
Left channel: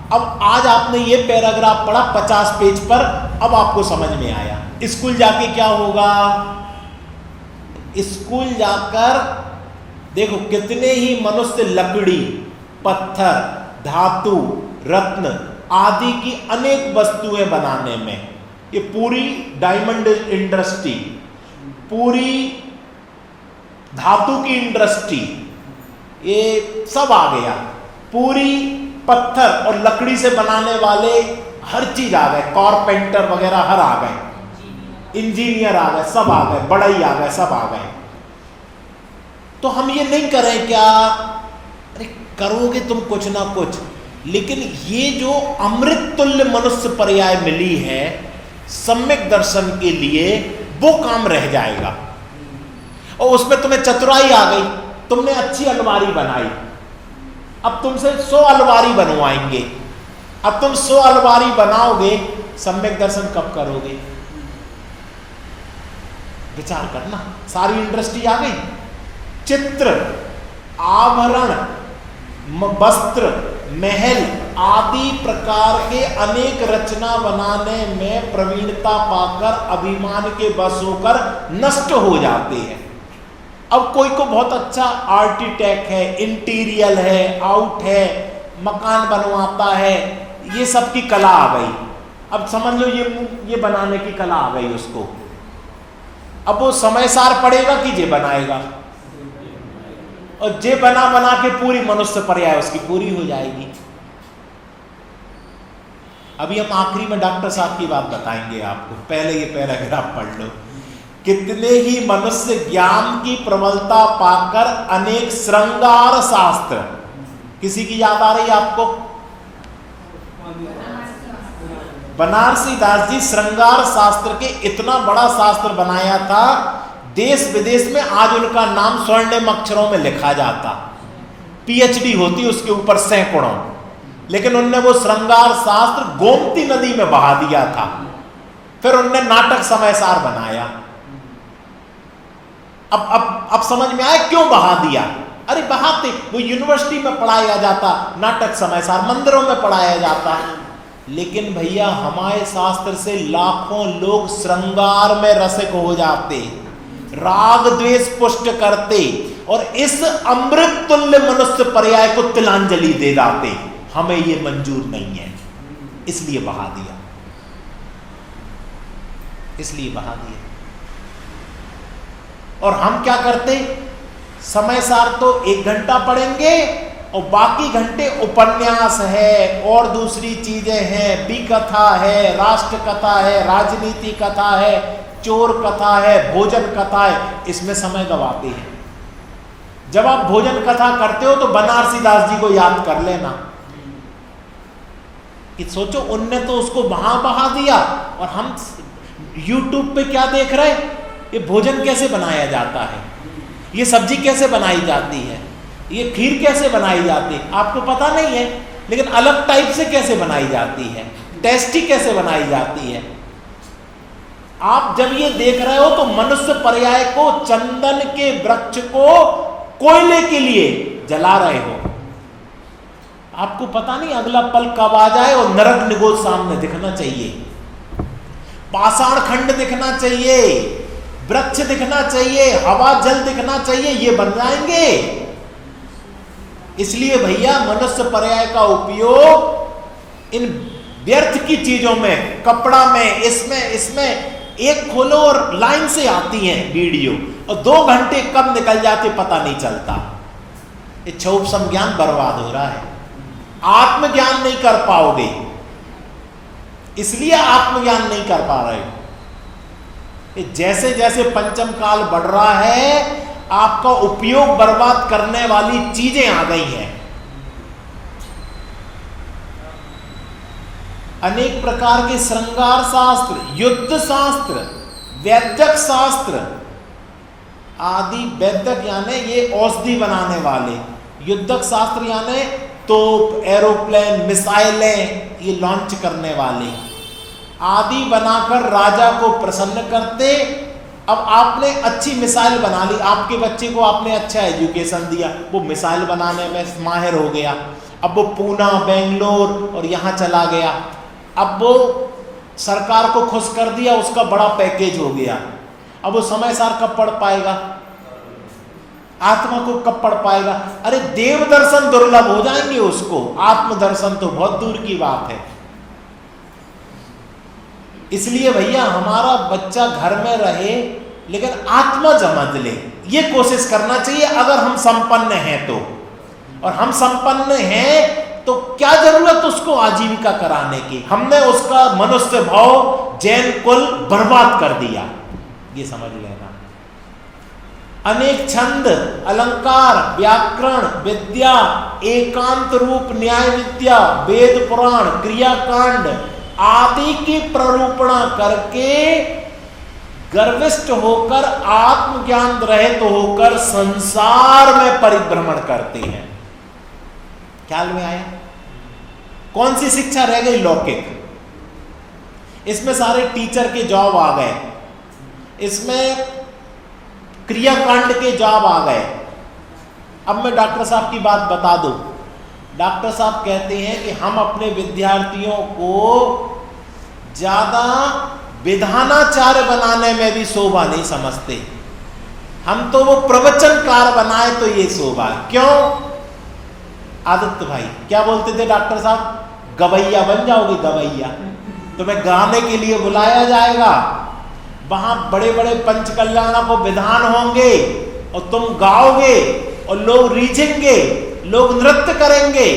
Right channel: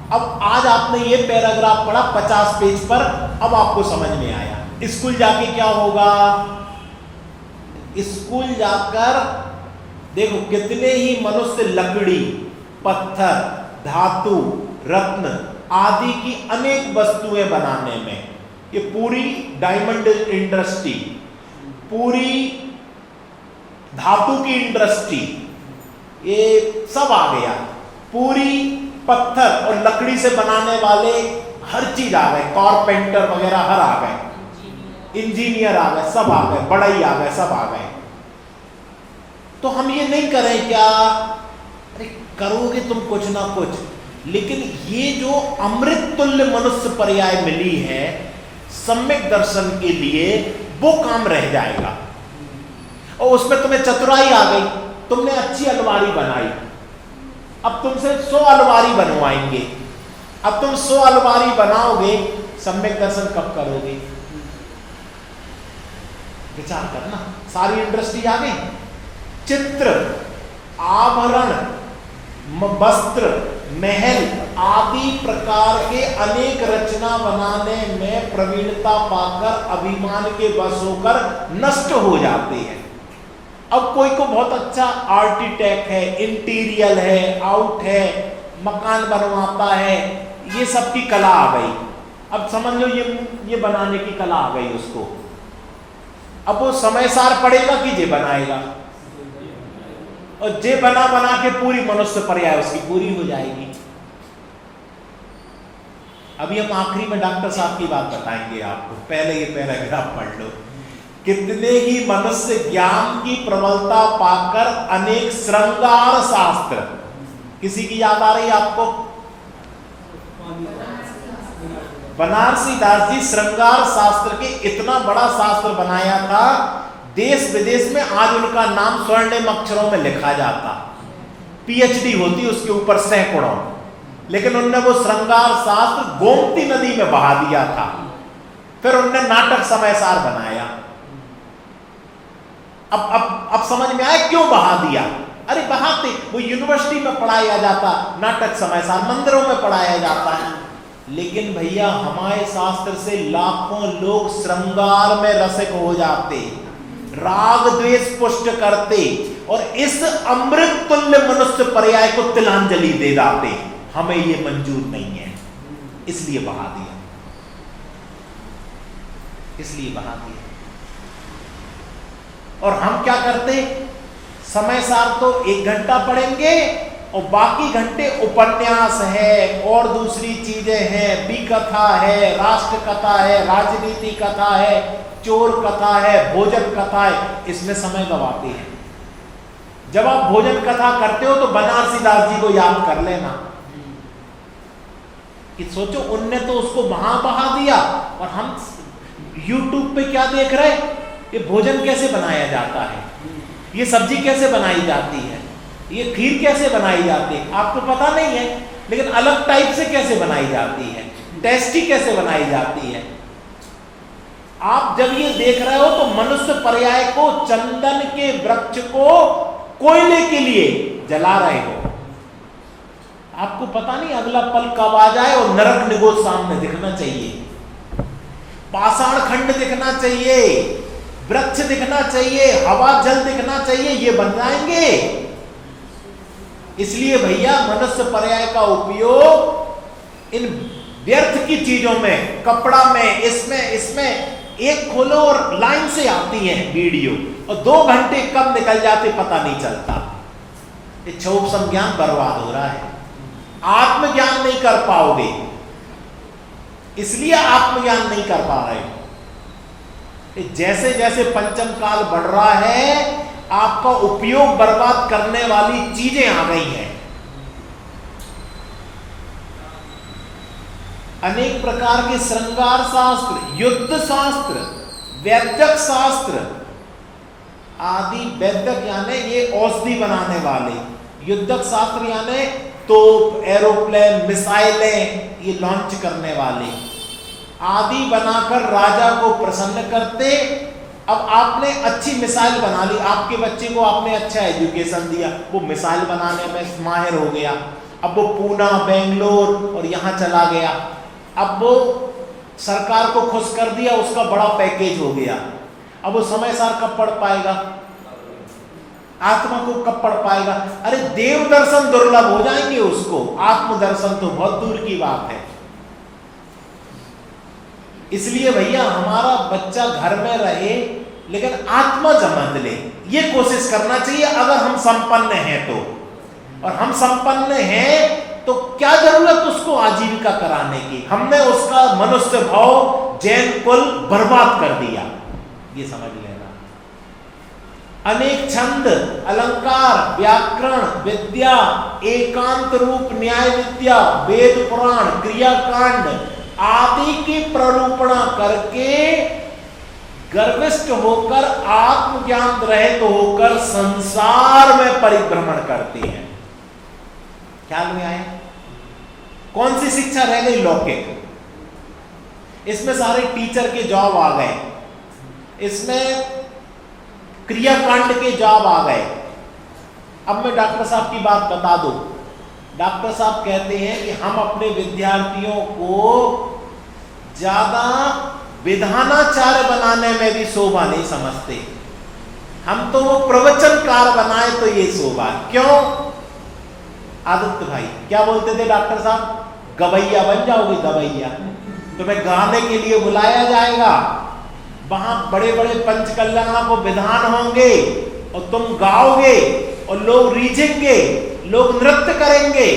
अब आज आपने ये पैराग्राफ पढ़ा 50 पेज पर, अब आपको समझ में आया। स्कूल जाके क्या होगा? स्कूल जाकर देखो कितने ही मनुष्य लकड़ी, पत्थर, धातु, रत्न आदि की अनेक वस्तुएं बनाने में, ये पूरी डायमंड इंडस्ट्री, पूरी धातु की इंडस्ट्री, ये सब आ गया। पूरी पत्थर और लकड़ी से बनाने वाले हर चीज आ गए, कारपेंटर वगैरह हर आ गए, इंजीनियर आ गए, सब आ गए, बढ़ई आ गए, सब आ गए। तो हम ये नहीं करें क्या? अरे करोगे तुम कुछ ना कुछ, लेकिन ये जो अमृत तुल्य मनुष्य पर्याय मिली है सम्यक दर्शन के लिए, वो काम रह जाएगा। और उसमें तुम्हें चतुराई आ गई, तुमने अच्छी अलमारी बनाई, अब तुमसे 100 अलमारी बनवाएंगे। अब तुम 100 अलमारी बनाओगे, सम्यक दर्शन कब करोगे? विचार करना। सारी इंडस्ट्री आ गई, चित्र, आभरण, वस्त्र, महल आदि प्रकार के अनेक रचना बनाने में प्रवीणता पाकर अभिमान के वश होकर नष्ट हो जाते हैं। अब कोई को बहुत अच्छा आर्किटेक्ट है, इंटीरियर है, आउट है, मकान बनवाता है, ये सब की कला आ गई। अब समझ लो ये बनाने की कला आ गई उसको। अब वो समय सार पड़ेगा कि जे बनाएगा, और जे बना बना के पूरी मनुष्य पर्याय उसकी पूरी हो जाएगी। अभी हम आखिरी में डॉक्टर साहब की बात बताएंगे आपको, पहले ये पैराग्राफ पढ़ लो। कितने ही मनुष्य ज्ञान की प्रबलता पाकर अनेक श्रृंगार शास्त्र, किसी की याद आ रही है आपको? बनारसी दास जी श्रृंगार शास्त्र के इतना बड़ा शास्त्र बनाया था, देश विदेश में आज उनका नाम स्वर्णिम अक्षरों में लिखा जाता, पीएचडी होती उसके ऊपर सैकड़ों। लेकिन उनने वो श्रृंगार शास्त्र गोमती नदी में बहा दिया था। फिर उनने नाटक समयसार बनाया। अब समझ में आया क्यों बहा दिया? अरे बहाते, वो यूनिवर्सिटी में पढ़ाया जाता, नाटक समयसार मंदिरों में पढ़ाया जाता है। लेकिन भैया हमारे शास्त्र से लाखों लोग श्रृंगार में रसिक हो जाते, राग द्वेष पुष्ट करते और इस अमृत तुल्य मनुष्य पर्याय को तिलांजलि दे जाते, हमें ये मंजूर नहीं है, इसलिए बहा दिया, इसलिए बहा दिया। और हम क्या करते, समय सार तो 1 घंटा पढ़ेंगे और बाकी घंटे उपन्यास है और दूसरी चीजें हैं, भी कथा है, राष्ट्र कथा है, राजनीति कथा है, चोर कथा है, भोजन कथा है, इसमें समय गवाते हैं। जब आप भोजन कथा करते हो तो बनारसी दास जी को याद कर लेना कि सोचो उनने तो उसको वहां बहा दिया और हम YouTube पे क्या देख रहे, ये भोजन कैसे बनाया जाता है, ये सब्जी कैसे बनाई जाती है, ये खीर कैसे बनाई जाती है, आपको पता नहीं है, लेकिन अलग टाइप से कैसे बनाई जाती है, टेस्टी कैसे बनाई जाती है। आप जब ये देख रहे हो तो मनुष्य पर्याय को, चंदन के वृक्ष को कोयले के लिए जला रहे हो। आपको पता नहीं अगला पल कब आ जाए और नरक निगोद सामने दिखना चाहिए, पाषाण खंड दिखना चाहिए, वृक्ष दिखना चाहिए, हवा जल दिखना चाहिए, ये बन जाएंगे। इसलिए भैया मनुष्य पर्याय का उपयोग इन व्यर्थ की चीजों में, कपड़ा में, इसमें एक खोलो और लाइन से आती है वीडियो और 2 घंटे कब निकल जाते पता नहीं चलता। ये क्षोभ संज्ञान बर्बाद हो रहा है, आत्मज्ञान नहीं कर पाओगे, इसलिए आत्मज्ञान नहीं कर पा रहे। जैसे जैसे पंचम काल बढ़ रहा है, आपका उपयोग बर्बाद करने वाली चीजें आ गई हैं। अनेक प्रकार के श्रृंगार शास्त्र, युद्ध शास्त्र, वैद्यक शास्त्र आदि, वैद्यक यानी ये औषधि बनाने वाले, युद्धक शास्त्र यानी तोप, एरोप्लेन, मिसाइलें ये लॉन्च करने वाले आदि बनाकर राजा को प्रसन्न करते। अब आपने अच्छी मिसाइल बना ली, आपके बच्चे को आपने अच्छा एजुकेशन दिया, वो मिसाइल बनाने में माहिर हो गया, अब वो पूना, बेंगलोर और यहाँ चला गया, अब वो सरकार को खुश कर दिया, उसका बड़ा पैकेज हो गया। अब वो समय सार कब पढ़ पाएगा, आत्मा को कब पढ़ पाएगा? अरे देव दर्शन दुर्लभ हो जाएंगे उसको, आत्म दर्शन तो बहुत दूर की बात है। इसलिए भैया हमारा बच्चा घर में रहे लेकिन आत्मा समझ ले, ये कोशिश करना चाहिए अगर हम संपन्न हैं तो। और हम संपन्न हैं तो क्या जरूरत उसको आजीविका कराने की, हमने उसका मनुष्य भाव, जैन कुल बर्बाद कर दिया, ये समझ लेना। अनेक छंद, अलंकार, व्याकरण विद्या, एकांत रूप न्याय विद्या, वेद पुराण, क्रियाकांड आदि की प्ररूपणा करके गर्विष्ठ होकर, आत्मज्ञान रहित होकर संसार में परिभ्रमण करते हैं। ख्याल में आए? कौन सी शिक्षा रह गई? लौकिक। इसमें सारे टीचर के जॉब आ गए, इसमें क्रियाकांड के जॉब आ गए। अब मैं डॉक्टर साहब की बात बता दूं। डॉक्टर साहब कहते हैं कि हम अपने विद्यार्थियों को ज्यादा विधानाचार्य बनाने में भी शोभा नहीं समझते, हम तो वो प्रवचनकार बनाए तो ये शोभा। क्यों? आदित्य भाई क्या बोलते थे डॉक्टर साहब? गवैया बन जाओगे, गवैया। तुम्हें गाने के लिए बुलाया जाएगा, वहां बड़े बड़े पंच कल्याणों को विधान होंगे और तुम गाओगे और लोग रीझेंगे, लोग नृत्य करेंगे,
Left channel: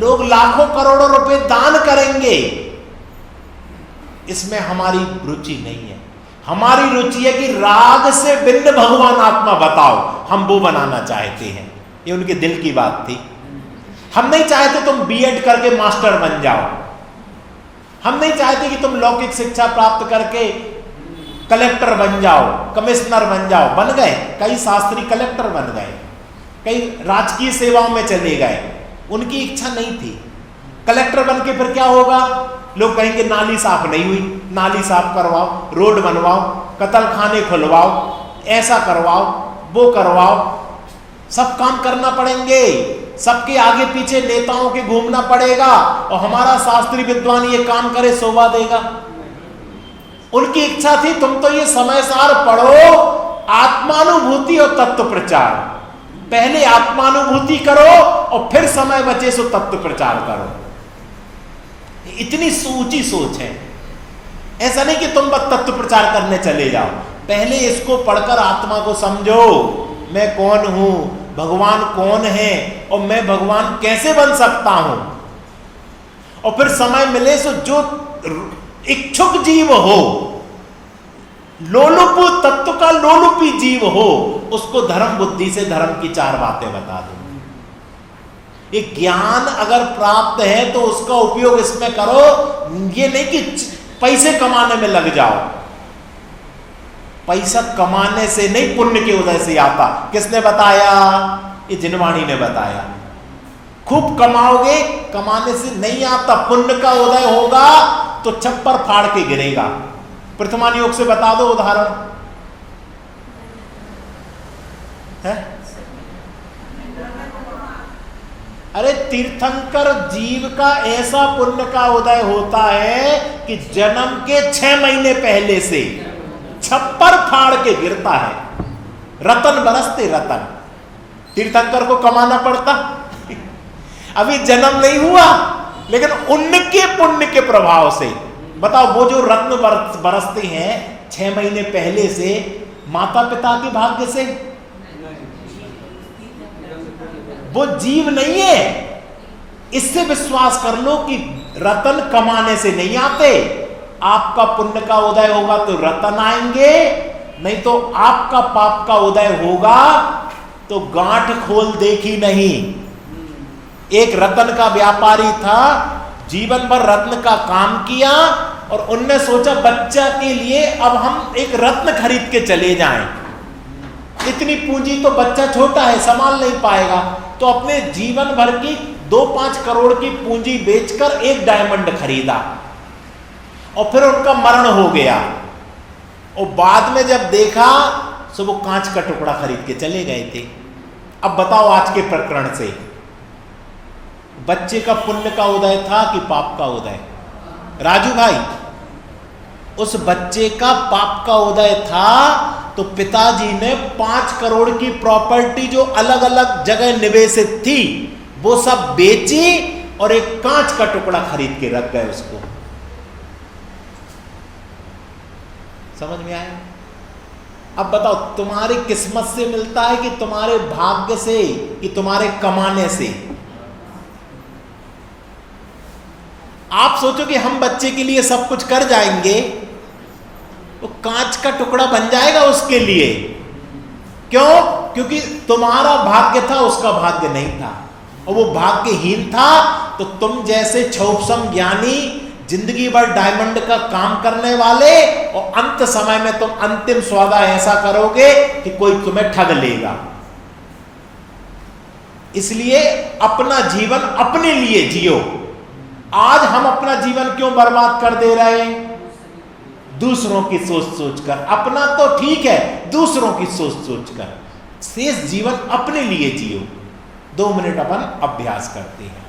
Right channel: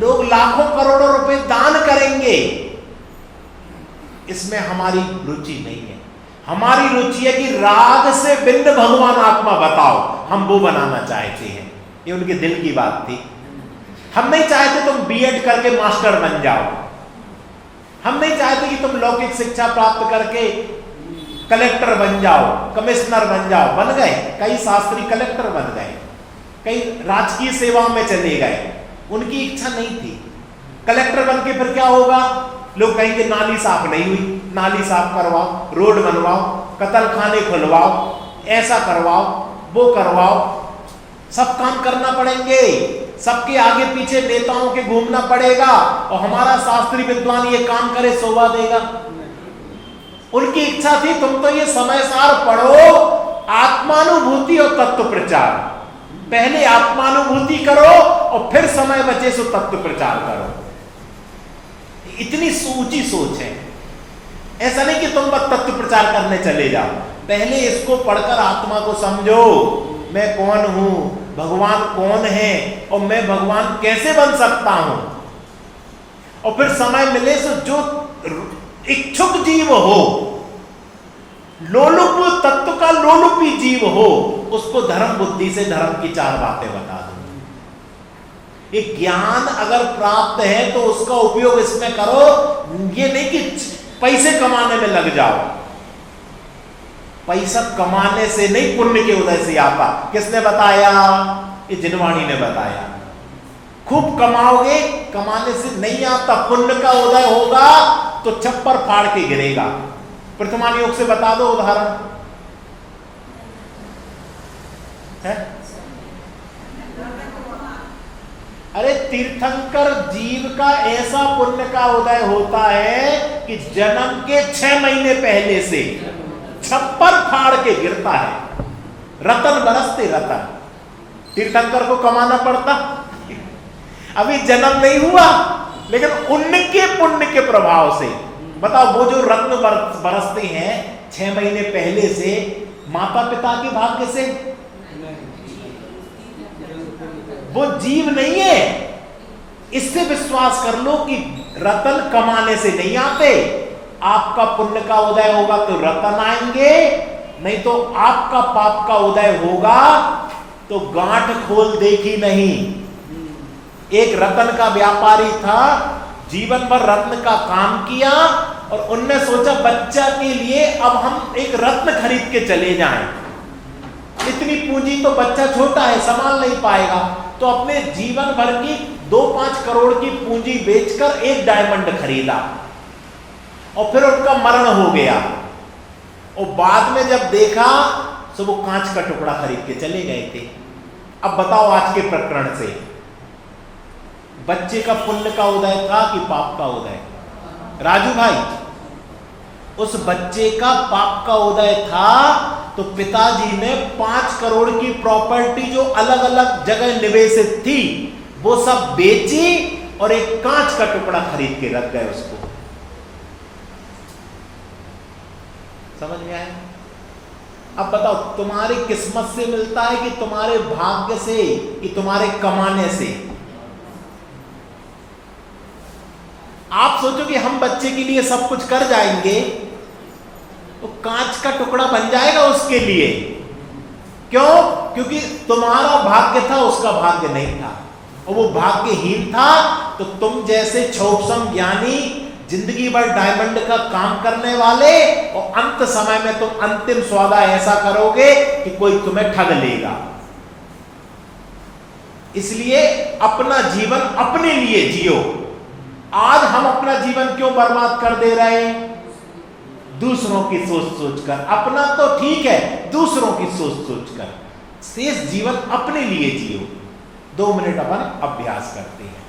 लोग लाखों करोड़ों रुपए दान करेंगे। इसमें हमारी रुचि नहीं है। हमारी रुचि है कि राग से भिन्न भगवान आत्मा बताओ, हम वो बनाना चाहते हैं। ये उनके दिल की बात थी। हम नहीं चाहते तुम बीएड करके मास्टर बन जाओ, हम नहीं चाहते कि तुम लौकिक शिक्षा प्राप्त करके कलेक्टर बन जाओ, कमिश्नर बन जाओ। बन गए, कई शास्त्री कलेक्टर बन गए, कई राजकीय सेवाओं में चले गए, उनकी इच्छा नहीं थी। कलेक्टर बन के फिर क्या होगा? लोग कहेंगे नाली साफ नहीं हुई, नाली साफ करवाओ, रोड बनवाओ, कतलखाने खुलवाओ, ऐसा करवाओ, वो करवाओ। सब काम करना पड़ेंगे, सबके आगे पीछे नेताओं के घूमना पड़ेगा और हमारा शास्त्री विद्वान ये काम करे शोभा देगा? उनकी इच्छा थी तुम तो ये समय सार पढ़ो, आत्म आत्मानुभूति और तत्व प्रचार। पहले आत्मानुभूति करो और फिर समय बचे सो तत्व प्रचार करो। इतनी ऊंची सोच है। ऐसा नहीं कि तुम बस तत्व प्रचार करने चले जाओ, पहले इसको पढ़कर आत्मा को समझो, मैं कौन हूं, भगवान कौन है और मैं भगवान कैसे बन सकता हूं। और फिर समय मिले सो जो इच्छुक जीव हो, लोलुप तत्व का लोलुपी जीव हो, उसको धर्म बुद्धि से धर्म की 4 बातें बता दो। एक ज्ञान अगर प्राप्त है तो उसका उपयोग इसमें करो, ये नहीं कि पैसे कमाने में लग जाओ। पैसा कमाने से नहीं, पुण्य के उदय से आता। किसने बताया? ये जिनवाणी ने बताया। खूब कमाओगे, कमाने से नहीं आता, पुण्य का उदय होगा तो छप्पर फाड़ के गिरेगा। प्रथमान योग से बता दो उदाहरण है? अरे तीर्थंकर जीव का ऐसा पुण्य का उदय होता है कि जन्म के 6 महीने पहले से छप्पर फाड़ के गिरता है। रतन बरसते रतन। तीर्थंकर को कमाना पड़ता, अभी जन्म नहीं हुआ, लेकिन उनके पुण्य के प्रभाव से बताओ, वो जो रत्न बरसते हैं 6 महीने पहले से, माता पिता के भाग्य से, वो जीव नहीं है। इससे विश्वास कर लो कि रतन कमाने से नहीं आते। आपका पुण्य का उदय होगा तो रतन आएंगे, नहीं तो आपका पाप का उदय होगा तो गांठ खोल देखी नहीं। एक रत्न का व्यापारी था, जीवन भर रत्न का काम किया और उनने सोचा बच्चा के लिए अब हम एक रत्न खरीद के चले जाएं। इतनी पूंजी तो बच्चा छोटा है, संभाल नहीं पाएगा, तो अपने जीवन भर की 2-5 करोड़ की पूंजी बेचकर एक डायमंड खरीदा और फिर उनका मरण हो गया। और बाद में जब देखा तो वो कांच का टुकड़ा खरीद के चले गए थे। अब बताओ आज के प्रकरण से बच्चे का पुण्य का उदय था कि पाप का उदय? राजू भाई, उस बच्चे का पाप का उदय था तो पिताजी ने 5 करोड़ की प्रॉपर्टी जो अलग अलग जगह निवेशित थी वो सब बेची और एक कांच का टुकड़ा खरीद के रख गए उसको। समझ में आया? अब बताओ, तुम्हारी किस्मत से मिलता है कि तुम्हारे भाग्य से कि तुम्हारे कमाने से? आप सोचो कि हम बच्चे के लिए सब कुछ कर जाएंगे, तो कांच का टुकड़ा बन जाएगा उसके लिए। क्यों? क्योंकि तुम्हारा भाग्य था, उसका भाग्य नहीं था, और वो भाग्यहीन था। तो तुम जैसे क्षौपसम ज्ञानी जिंदगी भर डायमंड का काम करने वाले, और अंत समय में तुम अंतिम सौदा ऐसा करोगे कि कोई तुम्हें ठग लेगा। इसलिए अपना जीवन अपने लिए जियो। आज हम अपना जीवन क्यों बर्बाद कर दे रहे हैं? दूसरों की सोच सोचकर। अपना तो ठीक है, दूसरों की सोच सोचकर। शेष जीवन अपने लिए जियो। 2 मिनट अपन अभ्यास करते हैं।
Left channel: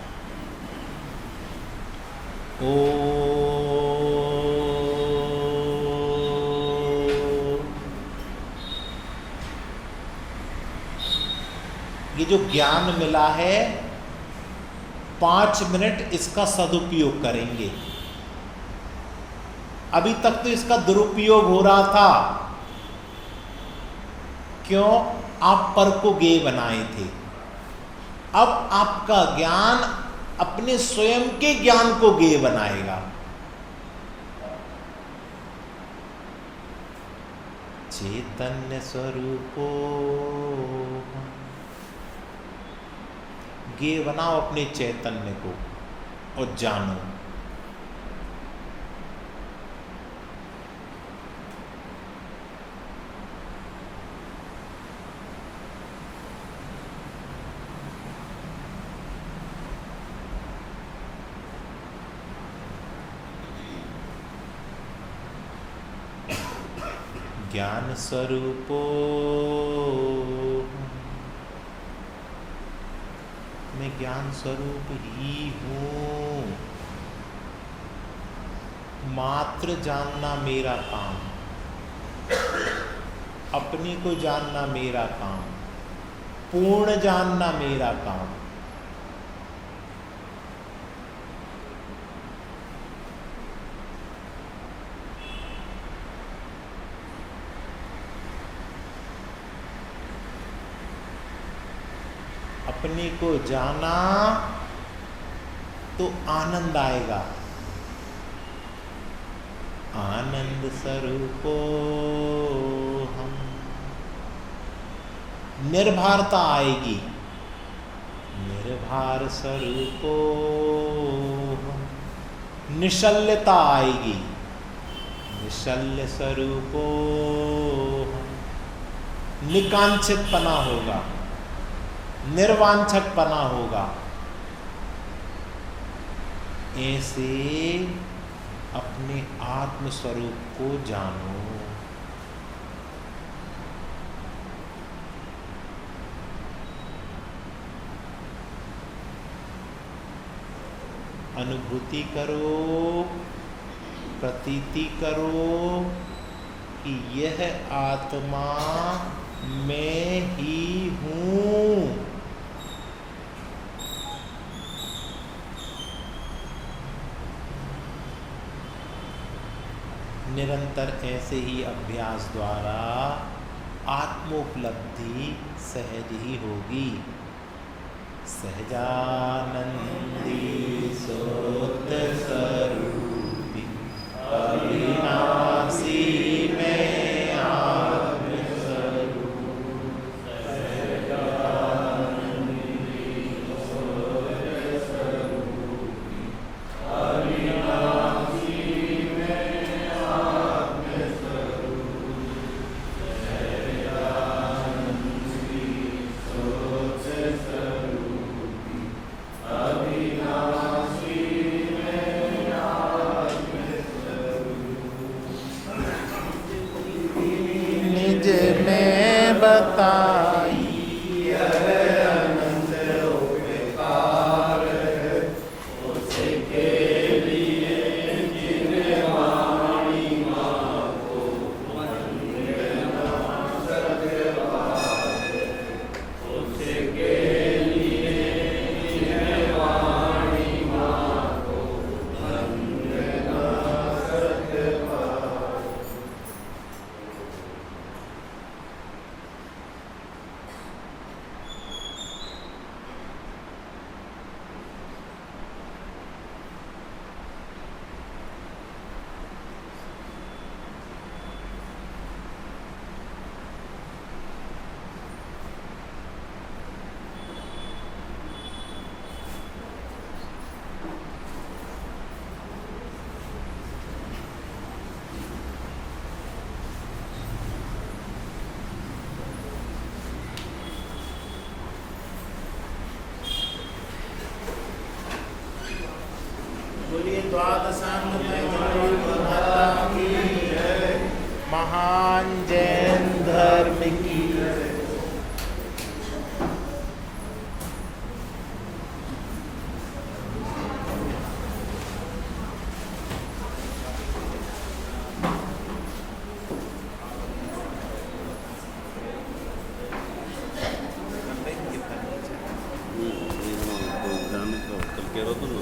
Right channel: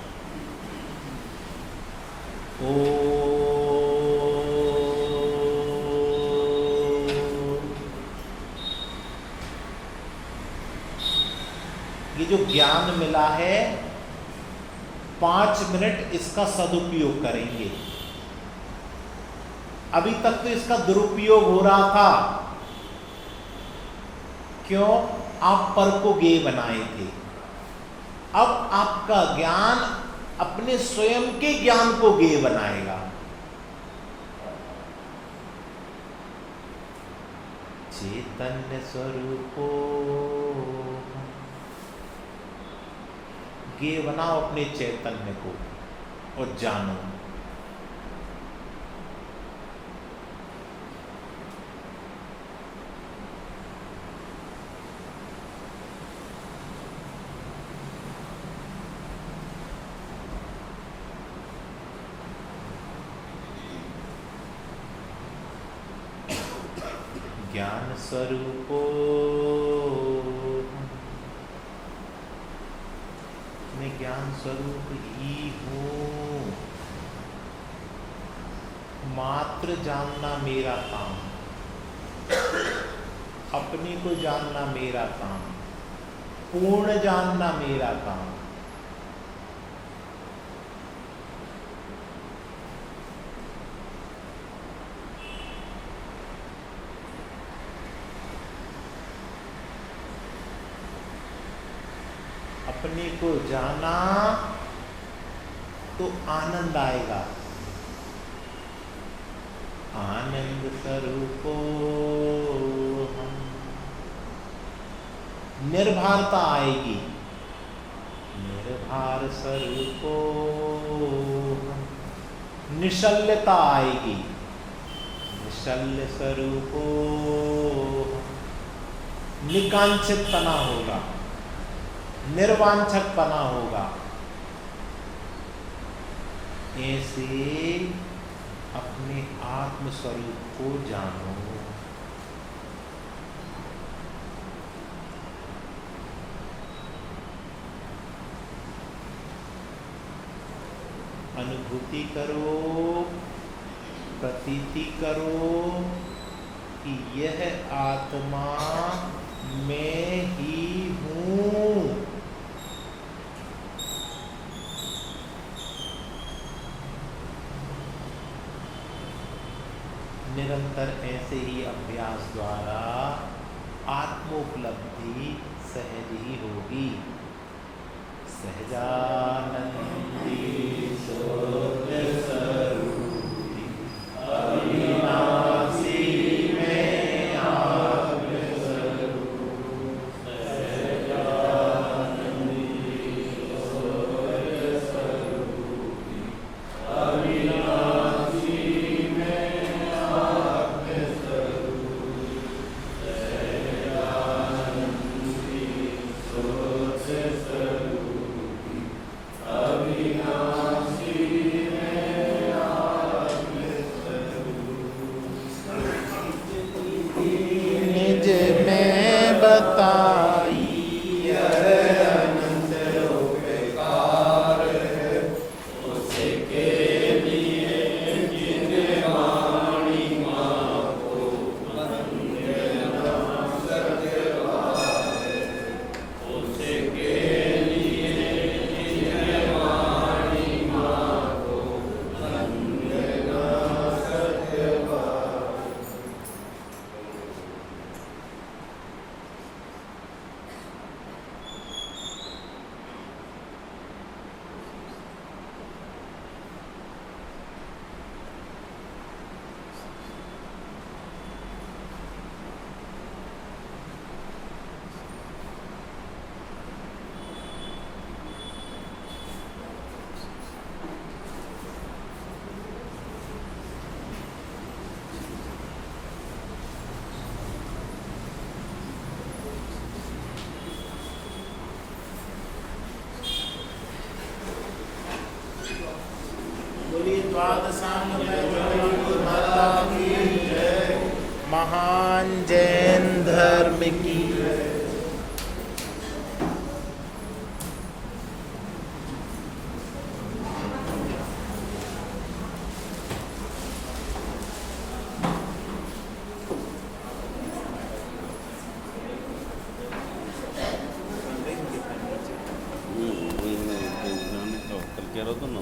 ये जो ज्ञान मिला है, 5 मिनट इसका सदुपयोग करेंगे। अभी तक तो इसका दुरुपयोग हो रहा था। क्यों? आप पर को गे बनाए थे। अब आपका ज्ञान अपने स्वयं के ज्ञान को गे बनाएगा। चैतन्य स्वरूपो, गे बनाओ अपने चैतन्य को और जानो। ज्ञान स्वरूपो, मैं ज्ञान स्वरूप ही हूं। मात्र जानना मेरा काम। अपने को जानना मेरा काम, पूर्ण जानना मेरा काम। अपने को जाना तो आनंद आएगा, आनंद स्वरूपो हम। निर्भरता आएगी, निर्भर स्वरूपो हम। निश्चलता आएगी, निश्चल स्वरूपो हम। निकांक्षितपना होगा, निर्वांछकपना होगा। ऐसे अपने आत्म स्वरूप को जानो। अनुभूति करो, प्रतीति करो कि यह आत्मा मैं ही हूँ। निरंतर ऐसे ही अभ्यास द्वारा आत्मोपलब्धि सहज ही होगी। सहजानंदी शुद्ध स्वरूपी अविनाशी मैं आत्म स्वरूप। सहजानंदी शुद्ध स्वरूपी अविनाशी बताई अनंत उपकार है उसके लिए जिनवाणी मातो वंदना सत्यवाद। उसके लिए जिनवाणी मातो वंदना सत्यवाद। महान जैन धर्म की कल कह रहा था ना